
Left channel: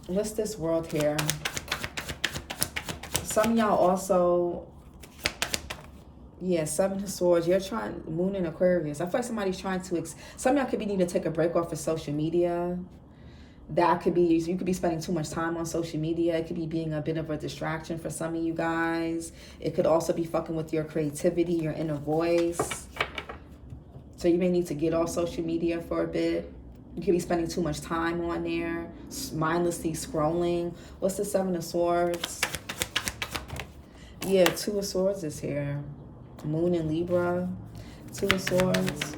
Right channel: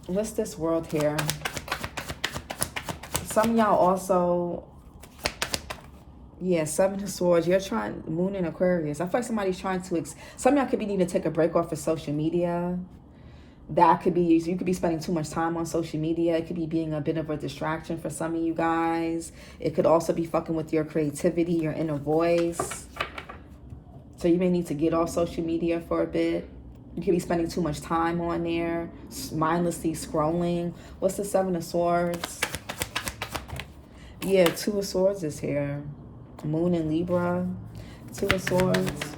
What's this world here? Some of y'all also, yeah, Seven of Swords. You're trying, Moon in Aquarius. I feel like somebody's trying to, some of y'all could be needing to take a break off of social media. That could be, you could be spending too much time on social media. It could be being a bit of a distraction for some of you guys. It could also be fucking with your creativity, your inner voice. So you may need to get off social media for a bit. You could be spending too much time on there, mindlessly scrolling. What's the Seven of Swords? Yeah, Two of Swords is here. Moon in Libra. Two of Swords.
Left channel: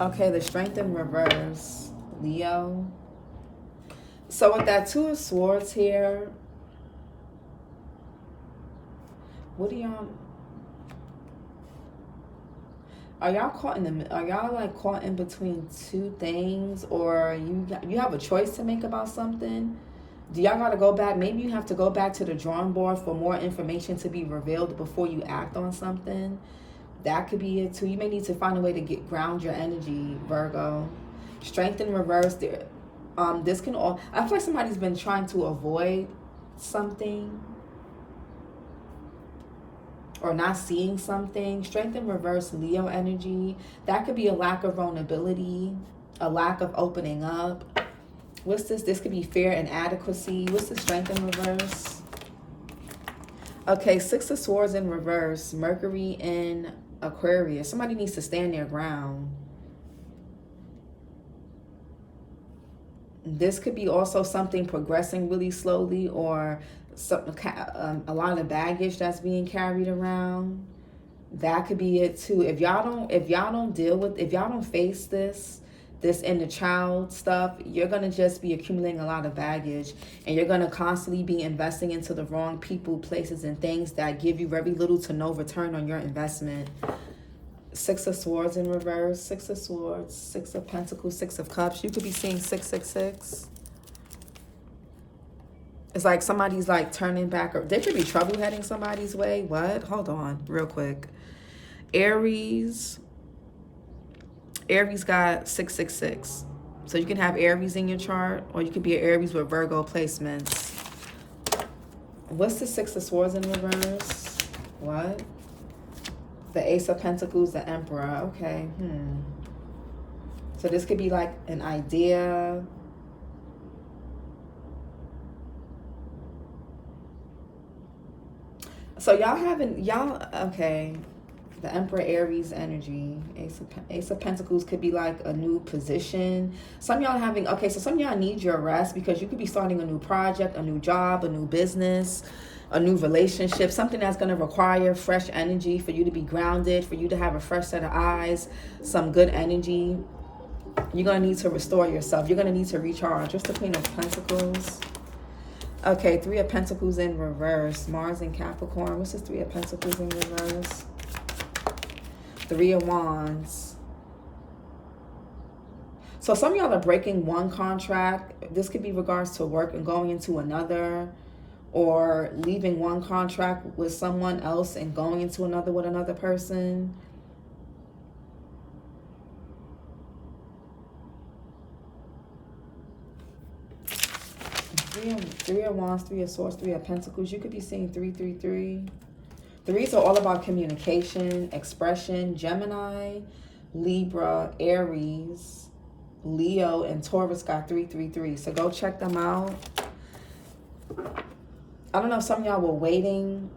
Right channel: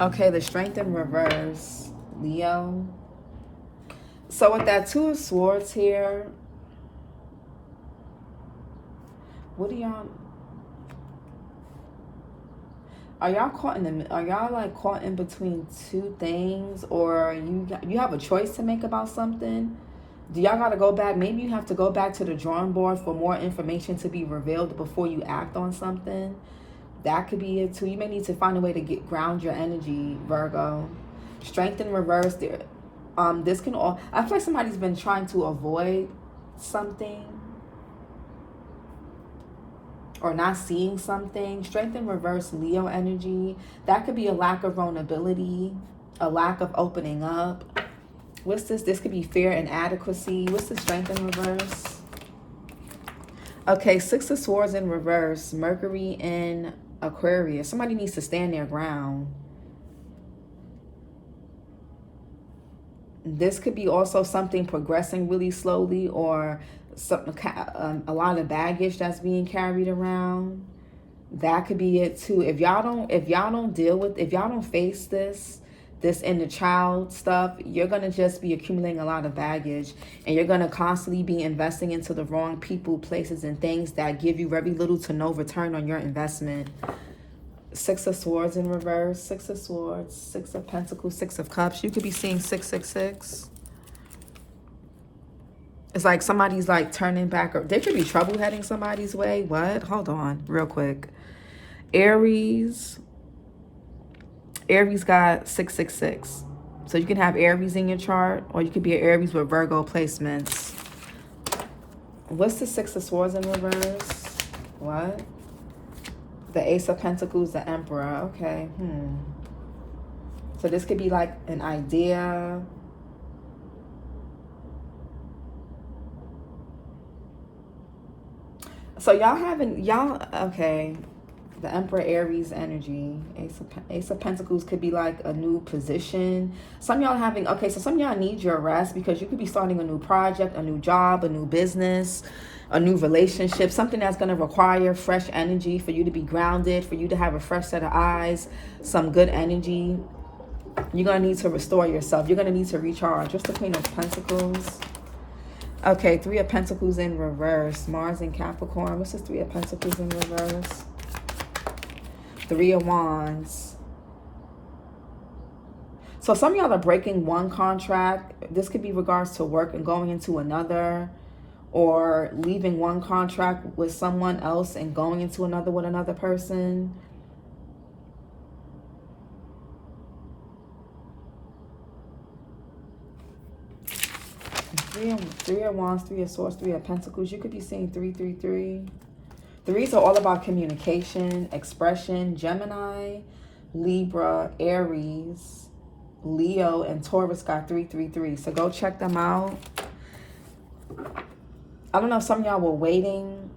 Okay, the Strength in reverse. Leo. So with that Two of Swords here, what are y'all? Are y'all caught in the? Are y'all like caught in between two things, or you have a choice to make about something? Do y'all got to go back? Maybe you have to go back to the drawing board for more information to be revealed before you act on something. That could be it too. You may need to find a way to ground your energy, Virgo. Strength in reverse. There, this can all. I feel like somebody's been trying to avoid something or not seeing something. Strength in reverse, Leo energy. That could be a lack of vulnerability, a lack of opening up. What's this? This could be fear and inadequacy. What's the Strength in reverse? Okay, Six of Swords in reverse, Mercury in Aquarius. Somebody needs to stand their ground. This could be also something progressing really slowly, or some, a lot of baggage that's being carried around. That could be it too. If y'all don't deal with, if y'all don't face this inner child stuff, you're gonna just be accumulating a lot of baggage, and you're gonna constantly be investing into the wrong people, places, and things that give you very little to no return on your investment. Six of Swords in reverse, Six of Swords, Six of Pentacles, Six of Cups. You could be seeing 666. It's like somebody's like turning back, or there could be trouble heading somebody's way. What? Hold on, real quick. Aries got 666. So you can have Aries in your chart, or you could be an Aries with Virgo placements. What's the Six of Swords in reverse? What? The Ace of Pentacles, the Emperor. Okay. So this could be like an idea. So okay. The Emperor, Aries energy. Ace of Pentacles could be like a new position. Some y'all having, okay, so some y'all need your rest because you could be starting a new project, a new job, a new business, a new relationship, something that's going to require fresh energy for you to be grounded, for you to have a fresh set of eyes, some good energy. You're going to need to restore yourself. You're going to need to recharge. What's the Queen of Pentacles? Okay, Three of Pentacles in reverse. Mars in Capricorn. What's this Three of Pentacles in reverse? Three of Wands. So some of y'all are breaking one contract. This could be regards to work and going into another, or leaving one contract with someone else and going into another with another person. Three of Wands, Three of Swords, Three of Pentacles. You could be seeing 333. Threes are all about communication, expression. Gemini, Libra, Aries, Leo, and Taurus got 333. So go check them out. I don't know if some of y'all were waiting.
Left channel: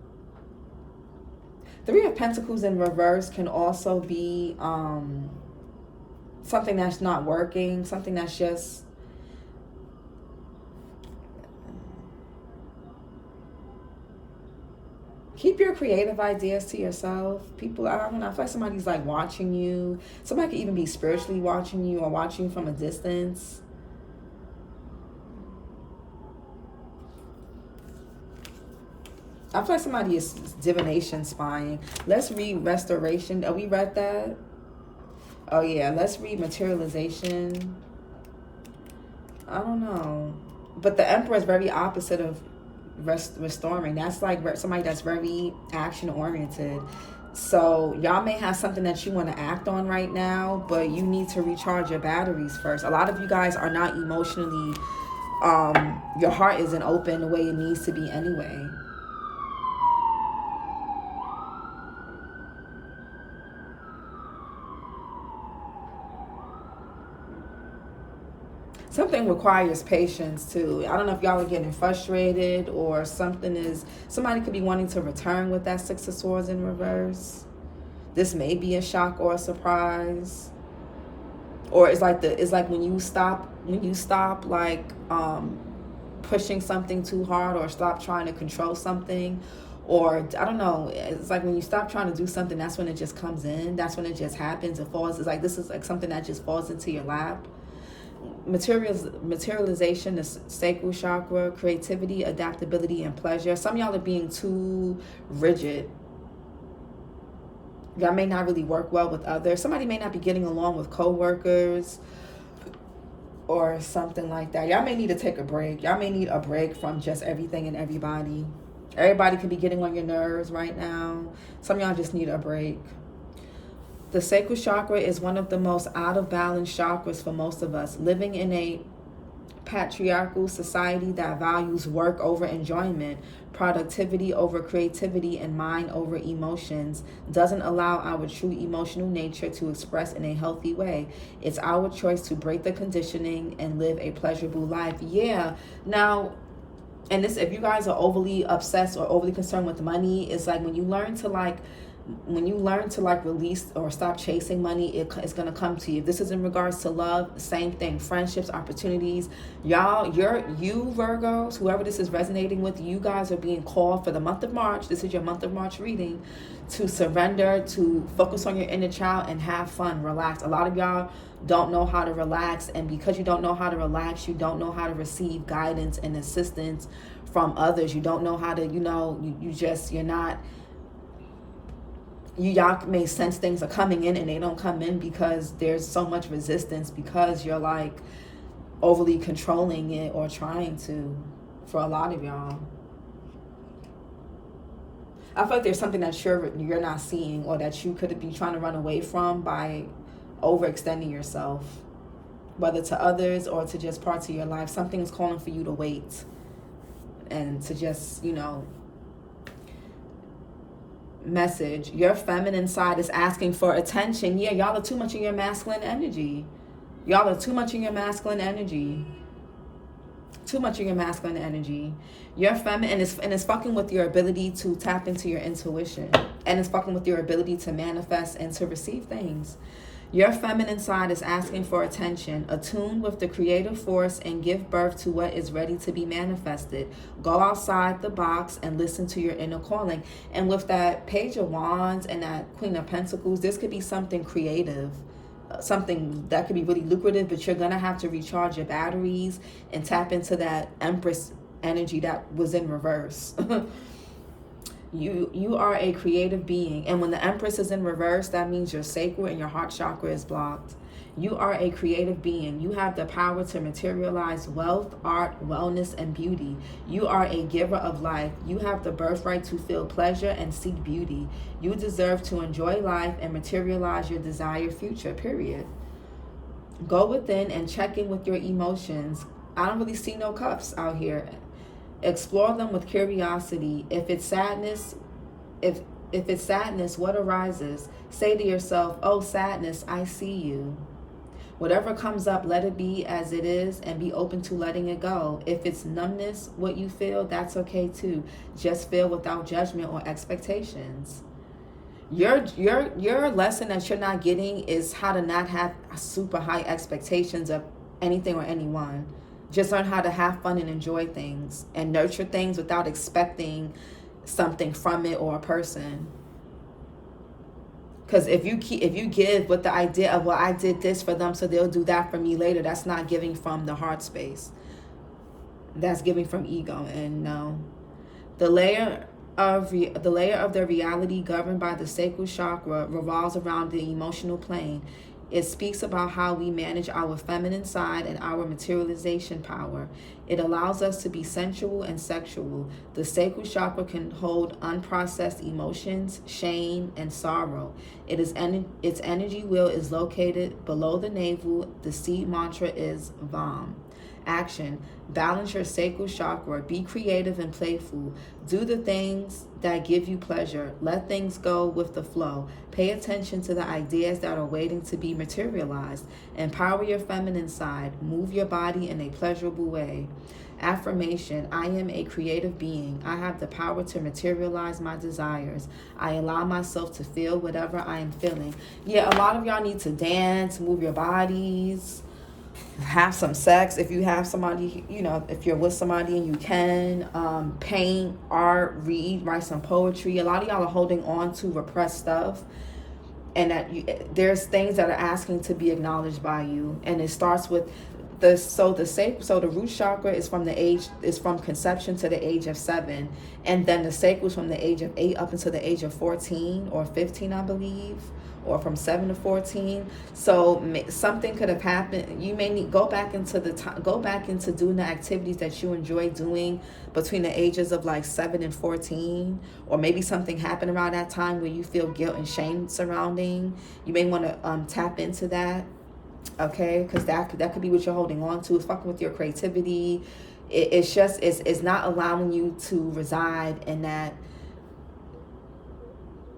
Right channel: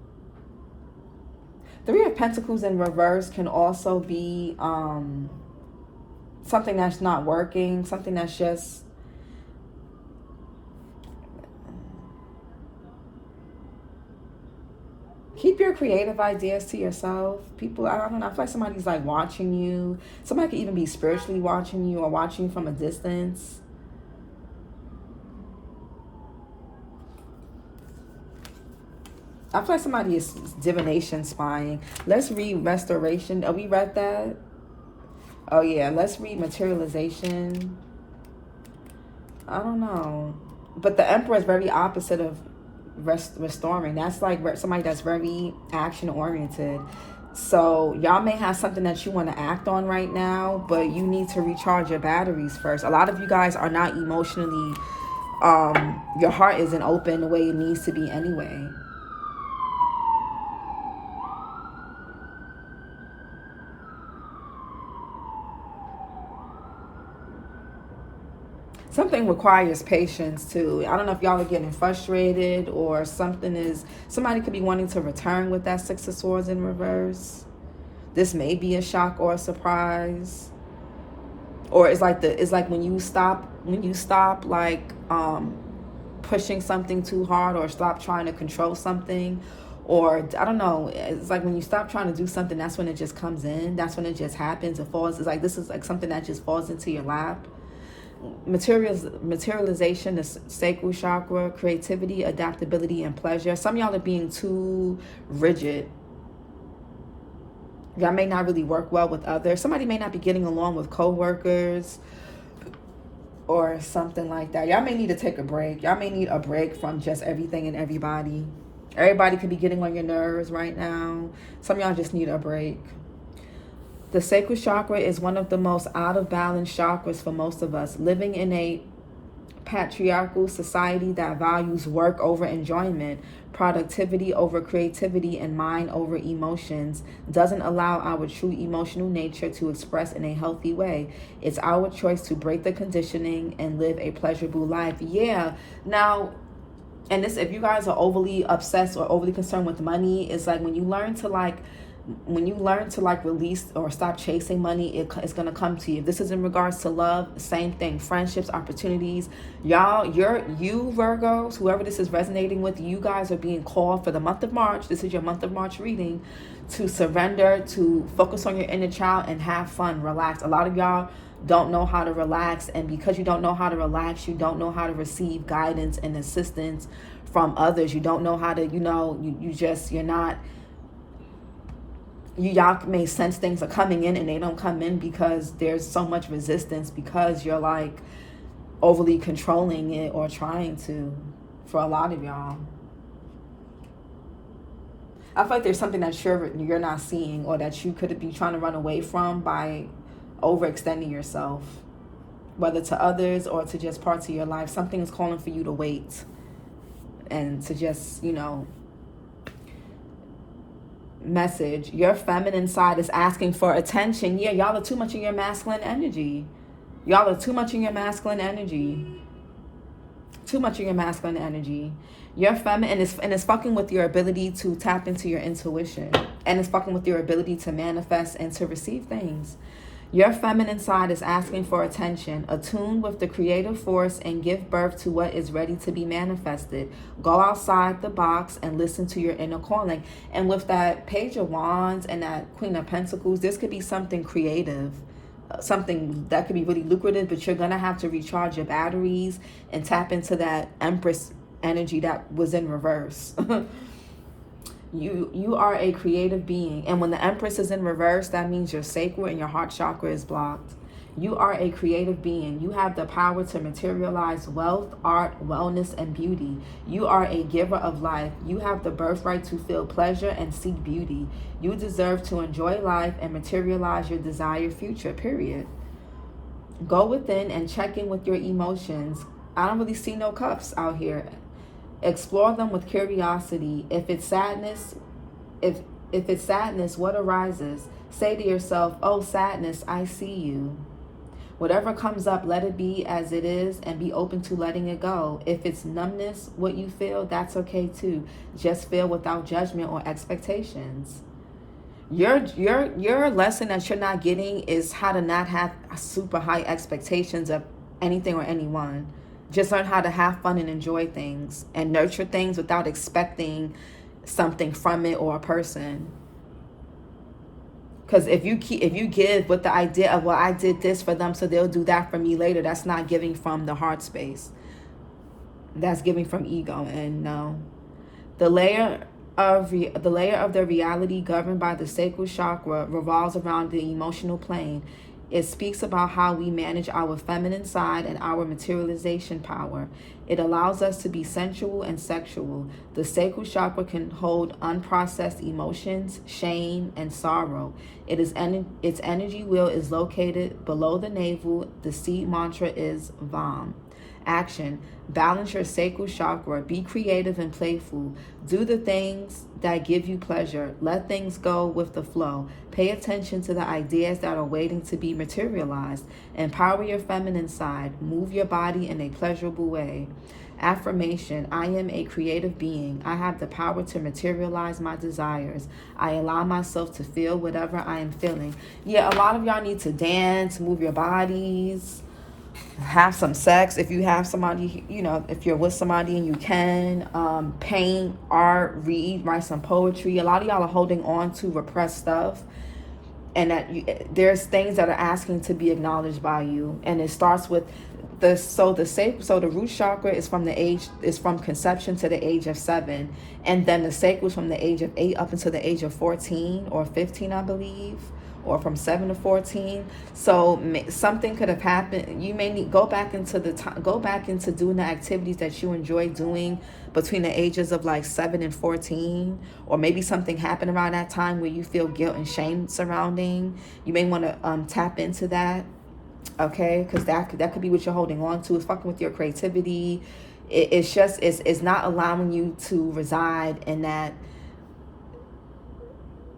Three of Pentacles in reverse can also be something that's not working, something that's just keep your creative ideas to yourself. People, I don't know, I feel like somebody's like watching you. Somebody could even be spiritually watching you or watching you from a distance. I feel like somebody is divination spying. Let's read Restoration. Oh, we read that? Oh yeah, let's read materialization. I don't know. But the Emperor is very opposite of restoring. That's like somebody that's very action oriented. So y'all may have something that you want to act on right now, but you need to recharge your batteries first. A lot of you guys are not emotionally, your heart isn't open the way it needs to be anyway. Something requires patience too. I don't know if y'all are getting frustrated or somebody could be wanting to return with that Six of Swords in reverse. This may be a shock or a surprise. Or it's like when you stop like pushing something too hard, or stop trying to control something, or I don't know, it's like when you stop trying to do something, that's when it just comes in, that's when it just happens, it falls. It's like this is like something that just falls into your lap. Materialization, the sacral chakra, creativity, adaptability, and pleasure. Some of y'all are being too rigid. Y'all may not really work well with others. Somebody may not be getting along with co-workers or something like that. Y'all may need to take a break. Y'all may need a break from just everything and everybody. Everybody could be getting on your nerves right now. Some of y'all just need a break. The sacral chakra is one of the most out of balance chakras for most of us. Living in a patriarchal society that values work over enjoyment, productivity over creativity, and mind over emotions doesn't allow our true emotional nature to express in a healthy way. It's our choice to break the conditioning and live a pleasurable life. Yeah. Now, and this, if you guys are overly obsessed or overly concerned with money, it's like when you learn to release or stop chasing money, it's going to come to you. This is in regards to love, same thing, friendships, opportunities. Y'all, you Virgos, whoever this is resonating with, you guys are being called for the month of March. This is your month of March reading, to surrender, to focus on your inner child and have fun, relax. A lot of y'all don't know how to relax, and because you don't know how to relax, you don't know how to receive guidance and assistance from others. You don't know how to, y'all may sense things are coming in and they don't come in because there's so much resistance, because you're like overly controlling it or trying to, for a lot of y'all. I feel like there's something that you're not seeing, or that you could be trying to run away from by overextending yourself, whether to others or to just parts of your life. Something is calling for you to wait and to just, message. Your feminine side is asking for attention. Yeah, y'all are too much in your masculine energy. Y'all are too much in your masculine energy. Too much in your masculine energy. Your feminine, and it's fucking with your ability to tap into your intuition. And it's fucking with your ability to manifest and to receive things. Your feminine side is asking for attention. Attune with the creative force and give birth to what is ready to be manifested. Go outside the box and listen to your inner calling. And with that Page of Wands and that Queen of Pentacles, this could be something creative, something that could be really lucrative, but you're going to have to recharge your batteries and tap into that Empress energy that was in reverse. You are a creative being, and when the Empress is in reverse, that means your sacral and your heart chakra is blocked. You are a creative being. You have the power to materialize wealth, art, wellness, and beauty. You are a giver of life. You have the birthright to feel pleasure and seek beauty. You deserve to enjoy life and materialize your desired future, period. Go within and check in with your emotions. I don't really see no cuffs out here. Explore them with curiosity. If it's sadness, what arises? Say to yourself, "Oh, sadness, I see you." Whatever comes up, let it be as it is and be open to letting it go. If it's numbness, what you feel, that's okay too. Just feel without judgment or expectations. Your lesson that you're not getting is how to not have super high expectations of anything or anyone. Just learn how to have fun and enjoy things and nurture things without expecting something from it or a person. Because if you give with the idea of, well, I did this for them, so they'll do that for me later, that's not giving from the heart space. That's giving from ego. And no, the layer of the reality governed by the sacral chakra revolves around the emotional plane. It speaks about how we manage our feminine side and our materialization power. It allows us to be sensual and sexual. The sacral chakra can hold unprocessed emotions, shame, and sorrow. Its energy wheel is located below the navel. The seed mantra is VAM. Action. Balance your sacral chakra. Be creative and playful. Do the things that give you pleasure. Let things go with the flow. Pay attention to the ideas that are waiting to be materialized. Empower your feminine side. Move your body in a pleasurable way. Affirmation. I am a creative being. I have the power to materialize my desires. I allow myself to feel whatever I am feeling. Yeah, a lot of y'all need to dance, move your bodies, have some sex if you have somebody, if you're with somebody and you can, paint, art, read, write some poetry. A lot of y'all are holding on to repressed stuff, and that there's things that are asking to be acknowledged by you. And it starts with the root chakra is from conception to the age of 7, and then the sacral is from the age of 8 up until the age of 14 or 15, I believe, or from 7 to 14. So something could have happened. You may need go back into doing the activities that you enjoy doing between the ages of like 7 and 14, or maybe something happened around that time where you feel guilt and shame surrounding. You may want to tap into that, okay? Because that could be what you're holding on to. It's fucking with your creativity. It's not allowing you to reside in that.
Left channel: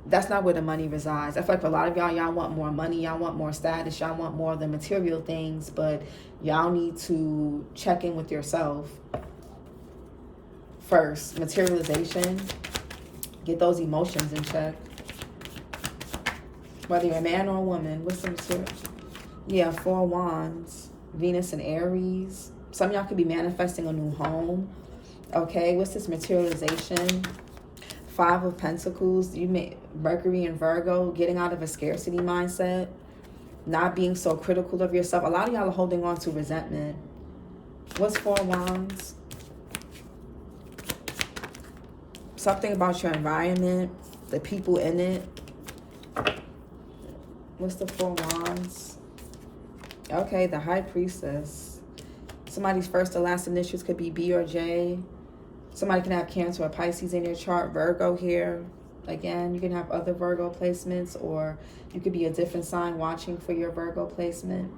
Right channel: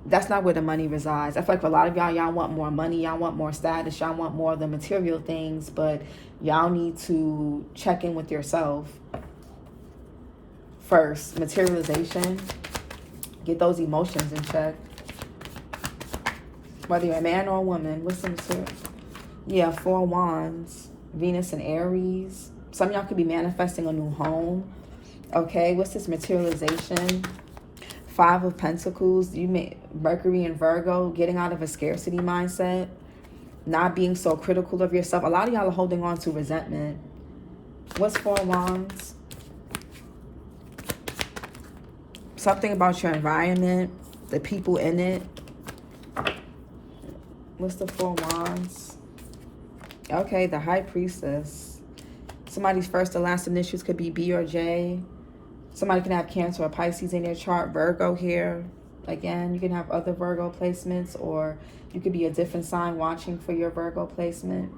That's not where the money resides. I feel like for a lot of y'all want more money, y'all want more status, y'all want more of the material things, but y'all need to check in with yourself first. Materialization, get those emotions in check. Whether you're a man or a woman, what's the material? Yeah, 4 wands, Venus and Aries. Some of y'all could be manifesting a new home. Okay, what's this materialization? 5 of Pentacles. Mercury and Virgo, getting out of a scarcity mindset, not being so critical of yourself. A lot of y'all are holding on to resentment. What's 4 wands? Something about your environment, the people in it. What's the 4 wands? Okay, the High Priestess. Somebody's first or last initials could be B or J. Somebody can have Cancer or Pisces in their chart. Virgo here. Again, you can have other Virgo placements, or you could be a different sign watching for your Virgo placement.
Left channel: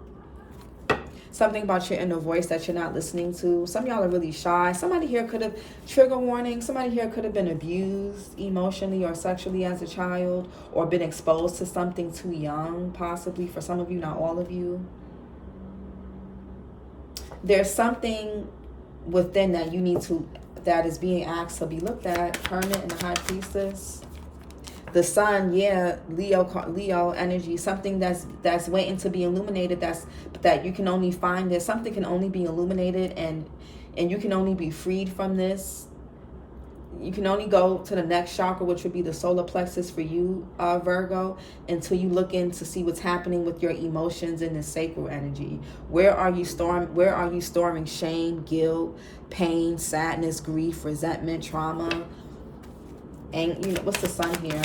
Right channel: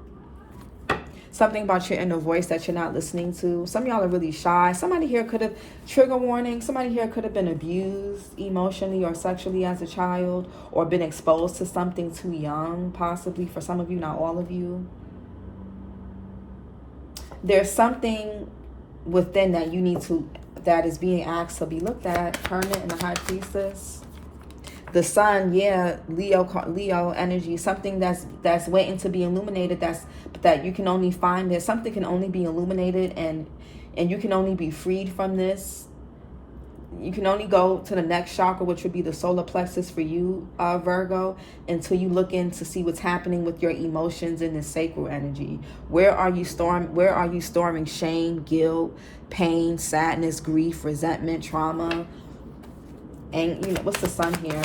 Something about your inner voice that you're not listening to. Some of y'all are really shy. Somebody here could have, trigger warning, somebody here could have been abused emotionally or sexually as a child, or been exposed to something too young, possibly. For some of you, not all of you. There's something within that you need to, that is being asked to be looked at. Hermit and the High Priestess. The Sun, yeah, Leo energy. Something that's waiting to be illuminated. That you can only find there. Something can only be illuminated, and you can only be freed from this. You can only go to the next chakra, which would be the solar plexus for you, Virgo, until you look in to see what's happening with your emotions in the sacral energy. Where are you storing shame, guilt, pain, sadness, grief, resentment, trauma? And what's the Sun here?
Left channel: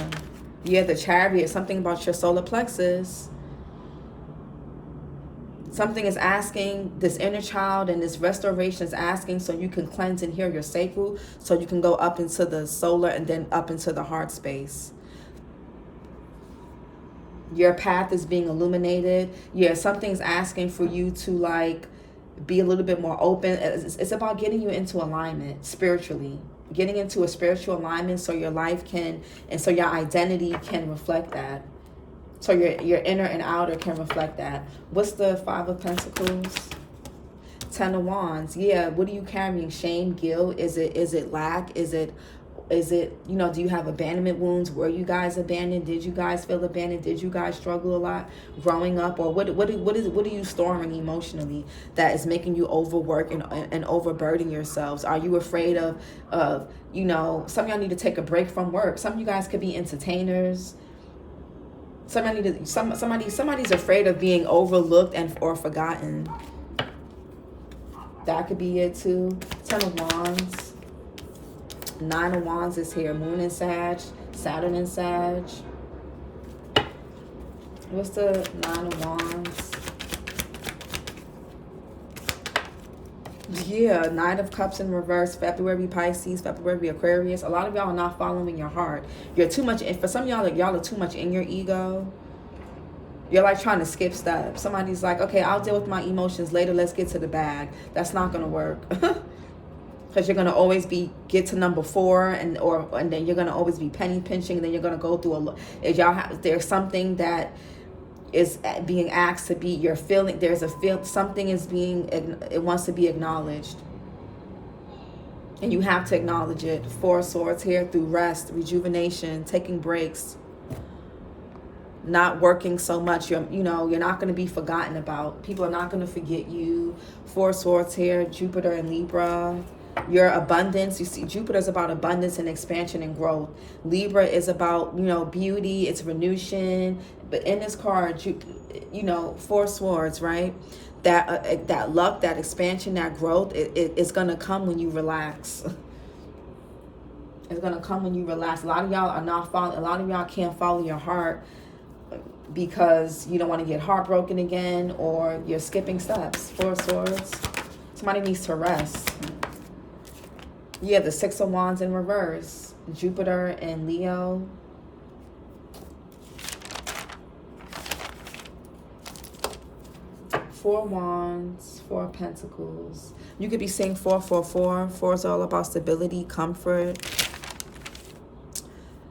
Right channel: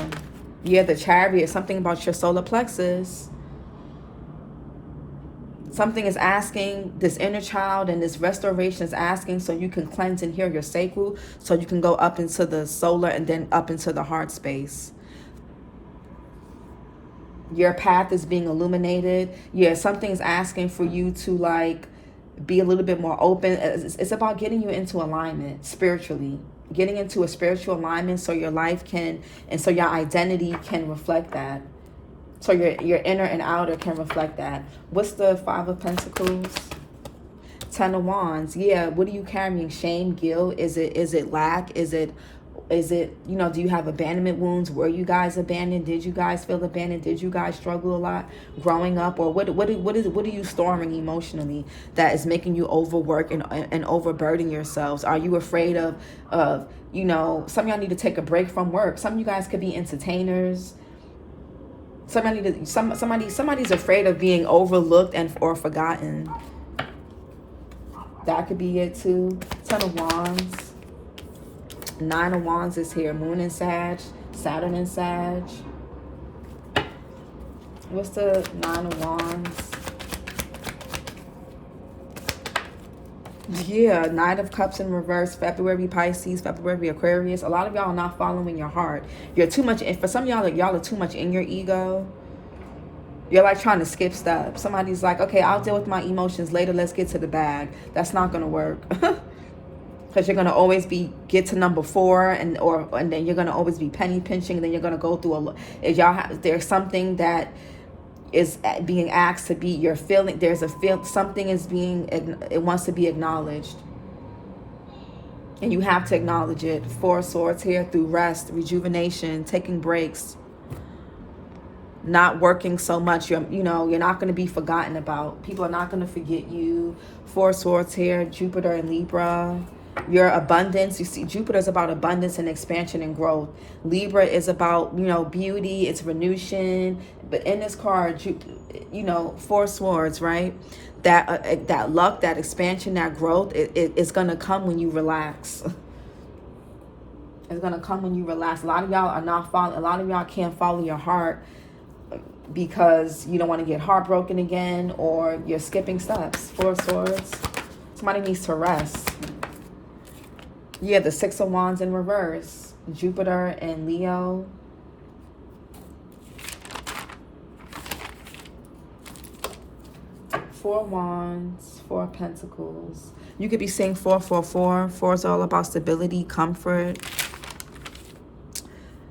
Yeah, the Chariot. Something about your solar plexus. Something is asking, this inner child and this restoration is asking, so you can cleanse and heal your sacral, so you can go up into the solar and then up into the heart space. Your path is being illuminated. Yeah, something's asking for you to be a little bit more open. It's about getting you into alignment spiritually. Getting into a spiritual alignment so your life can, and so your identity can reflect that. So your inner and outer can reflect that. What's the 5 of Pentacles? 10 of Wands. Yeah, what are you carrying? Shame, guilt? Is it lack? Is it do you have abandonment wounds? Were you guys abandoned? Did you guys feel abandoned? Did you guys struggle a lot growing up? Or what are you storing emotionally that is making you overwork and overburden yourselves? Are you afraid of some of y'all need to take a break from work. Some of you guys could be entertainers. Somebody's afraid of being overlooked or forgotten. That could be it too. 10 of Wands. 9 of Wands is here. Moon and Sag. Saturn and Sag. What's the Nine of Wands? Yeah, Knight of Cups in reverse, February Pisces, February Aquarius. A lot of y'all are not following your heart. You're too much, and for some of y'all, like y'all are too much in your ego. You're like trying to skip steps. Somebody's like, okay, I'll deal with my emotions later. Let's get to the bag. That's not going to work. Because you're going to always get to number 4 and then you're going to always be penny pinching. And then you're going to go through there's something that is being asked to be your feeling. Something is it wants to be acknowledged. And you have to acknowledge it. 4 of Swords here through rest, rejuvenation, taking breaks. Not working so much, you're not going to be forgotten about. People are not going to forget you. 4 of Swords here, Jupiter and Libra. Your abundance, you see, Jupiter is about abundance and expansion and growth. Libra is about, beauty, it's renewation. But in this card, 4 Swords, right? That luck, that expansion, that growth, it's going to come when you relax. It's going to come when you relax. A lot of y'all are not following. A lot of y'all can't follow your heart because you don't want to get heartbroken again, or you're skipping steps. 4 Swords. Somebody needs to rest. Yeah, the 6 of Wands in reverse. Jupiter and Leo. Four Wands, 4 Pentacles. You could be saying 444. 4 is all about stability, comfort.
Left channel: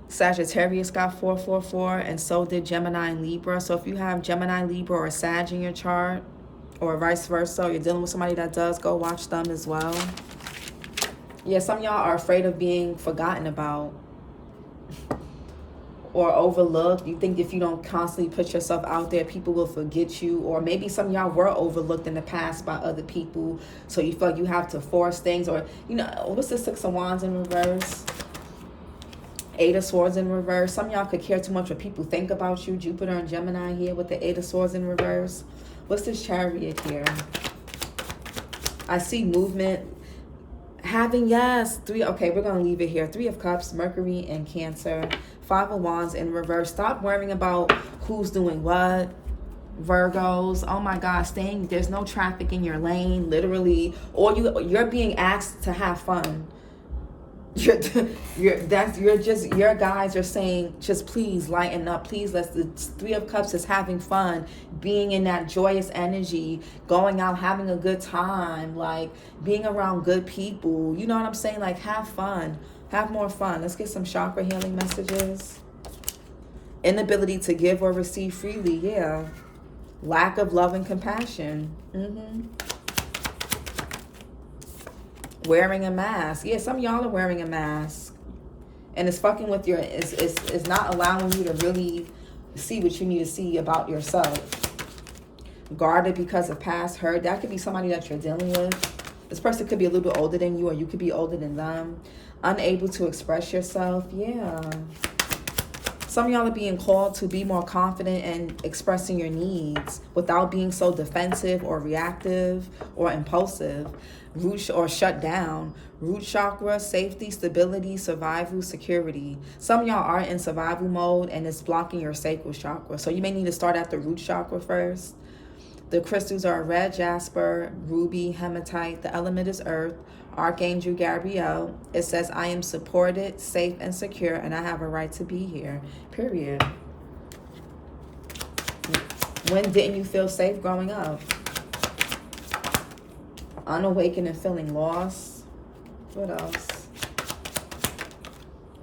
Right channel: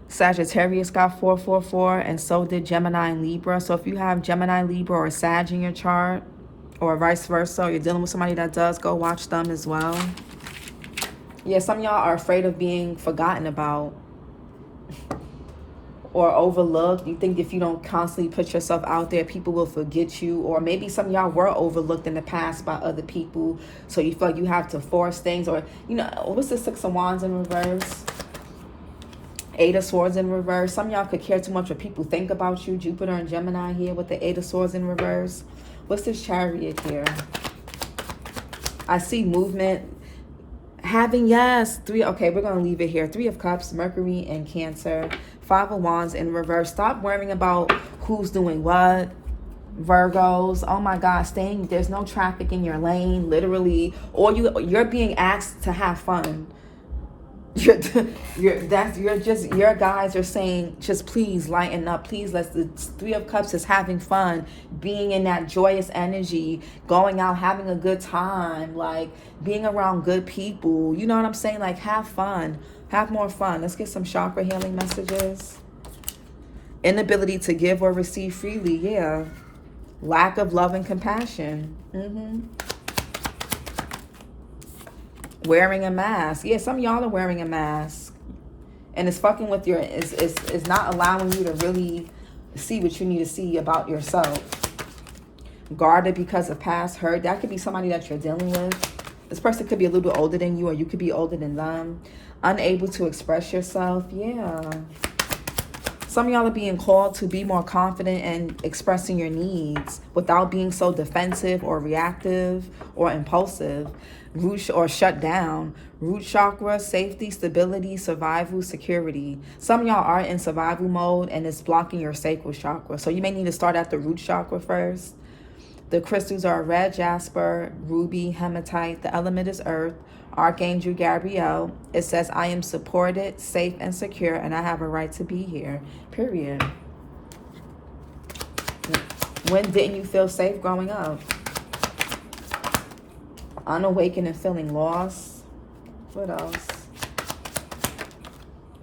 Sagittarius got 444, and so did Gemini and Libra. So if you have Gemini, Libra, or Sag in your chart, or vice versa, or you're dealing with somebody that does, go watch them as well. Yeah, some of y'all are afraid of being forgotten about or overlooked. You think if you don't constantly put yourself out there, people will forget you. Or maybe some of y'all were overlooked in the past by other people, so you feel like you have to force things. Or, what's the 6 of Wands in reverse? 8 of Swords in reverse. Some of y'all could care too much what people think about you. Jupiter and Gemini here with the 8 of Swords in reverse. What's this Chariot here? I see movement. Yes, 3. Okay, we're going to leave it here. 3 of Cups, Mercury and Cancer. 5 of Wands in reverse. Stop worrying about who's doing what. Virgos, oh my God, there's no traffic in your lane, literally. Or you're being asked to have fun. Your guys are saying, just please lighten up, please. The 3 of Cups is having fun, being in that joyous energy, going out, having a good time, like being around good people. You know what I'm saying? Like, have fun, have more fun. Let's get some chakra healing messages. Inability to give or receive freely. Yeah. Lack of love and compassion. Wearing a mask. Yeah, some of y'all are wearing a mask. And it's fucking with it's not allowing you to really see what you need to see about yourself. Guarded because of past hurt. That could be somebody that you're dealing with. This person could be a little bit older than you, or you could be older than them. Unable to express yourself. Yeah. Some of y'all are being called to be more confident in expressing your needs without being so defensive or reactive or impulsive. Root or shut down. Root chakra, safety, stability, survival, security. Some of y'all are in survival mode and it's blocking your sacral chakra. So you may need to start at the root chakra first. The crystals are red jasper, ruby, hematite. The element is earth. Archangel Gabriel. It says, I am supported, safe, and secure, and I have a right to be here. Period. When didn't you feel safe growing up? Unawakened and feeling lost. What else?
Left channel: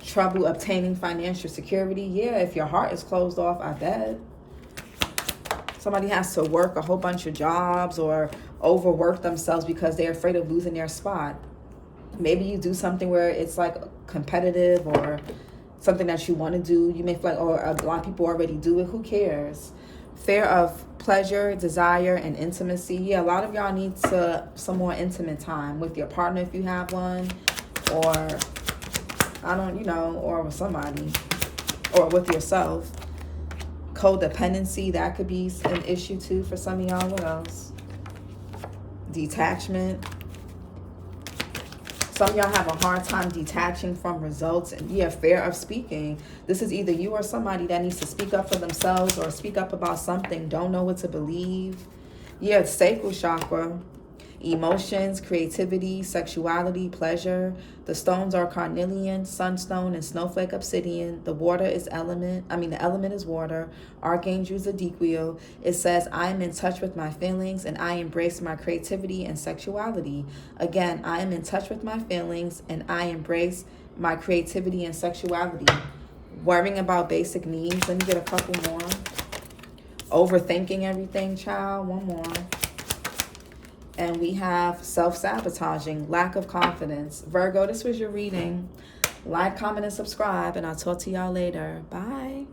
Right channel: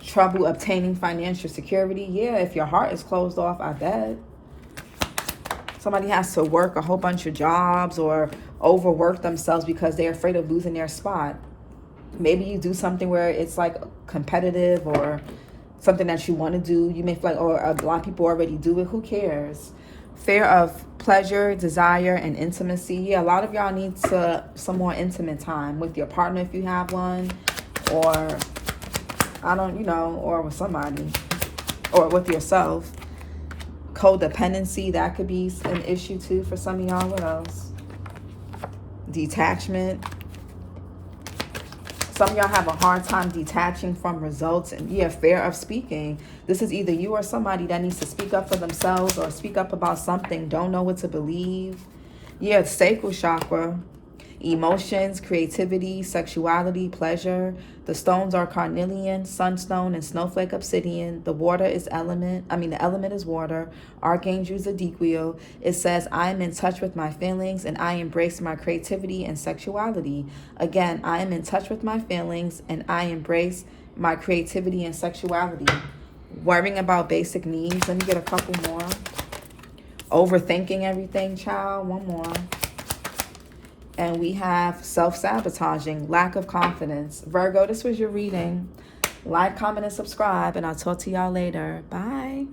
Trouble obtaining financial security. Yeah, if your heart is closed off, I bet. Somebody has to work a whole bunch of jobs or overwork themselves because they're afraid of losing their spot. Maybe you do something where it's like competitive or something that you want to do. You may feel like, or a lot of people already do it. Who cares? Fear of pleasure, desire, and intimacy. Yeah, a lot of y'all need some more intimate time with your partner if you have one, or or with somebody, or with yourself. Codependency, that could be an issue too for some of y'all. What else? Detachment. Some of y'all have a hard time detaching from results and fear of speaking. This is either you or somebody that needs to speak up for themselves or speak up about something, don't know what to believe. Sacral chakra. Emotions, creativity, sexuality, pleasure. The stones are carnelian, sunstone, and snowflake obsidian. The element is water. Archangel Zedekiel. It says, I am in touch with my feelings and I embrace my creativity and sexuality. Again, I am in touch with my feelings and I embrace my creativity and sexuality. Worrying about basic needs. Let me get a couple more. Overthinking everything, child. One more. And we have self-sabotaging, lack of confidence. Virgo, this was your reading. Like, comment, and subscribe, and I'll talk to y'all later. Bye.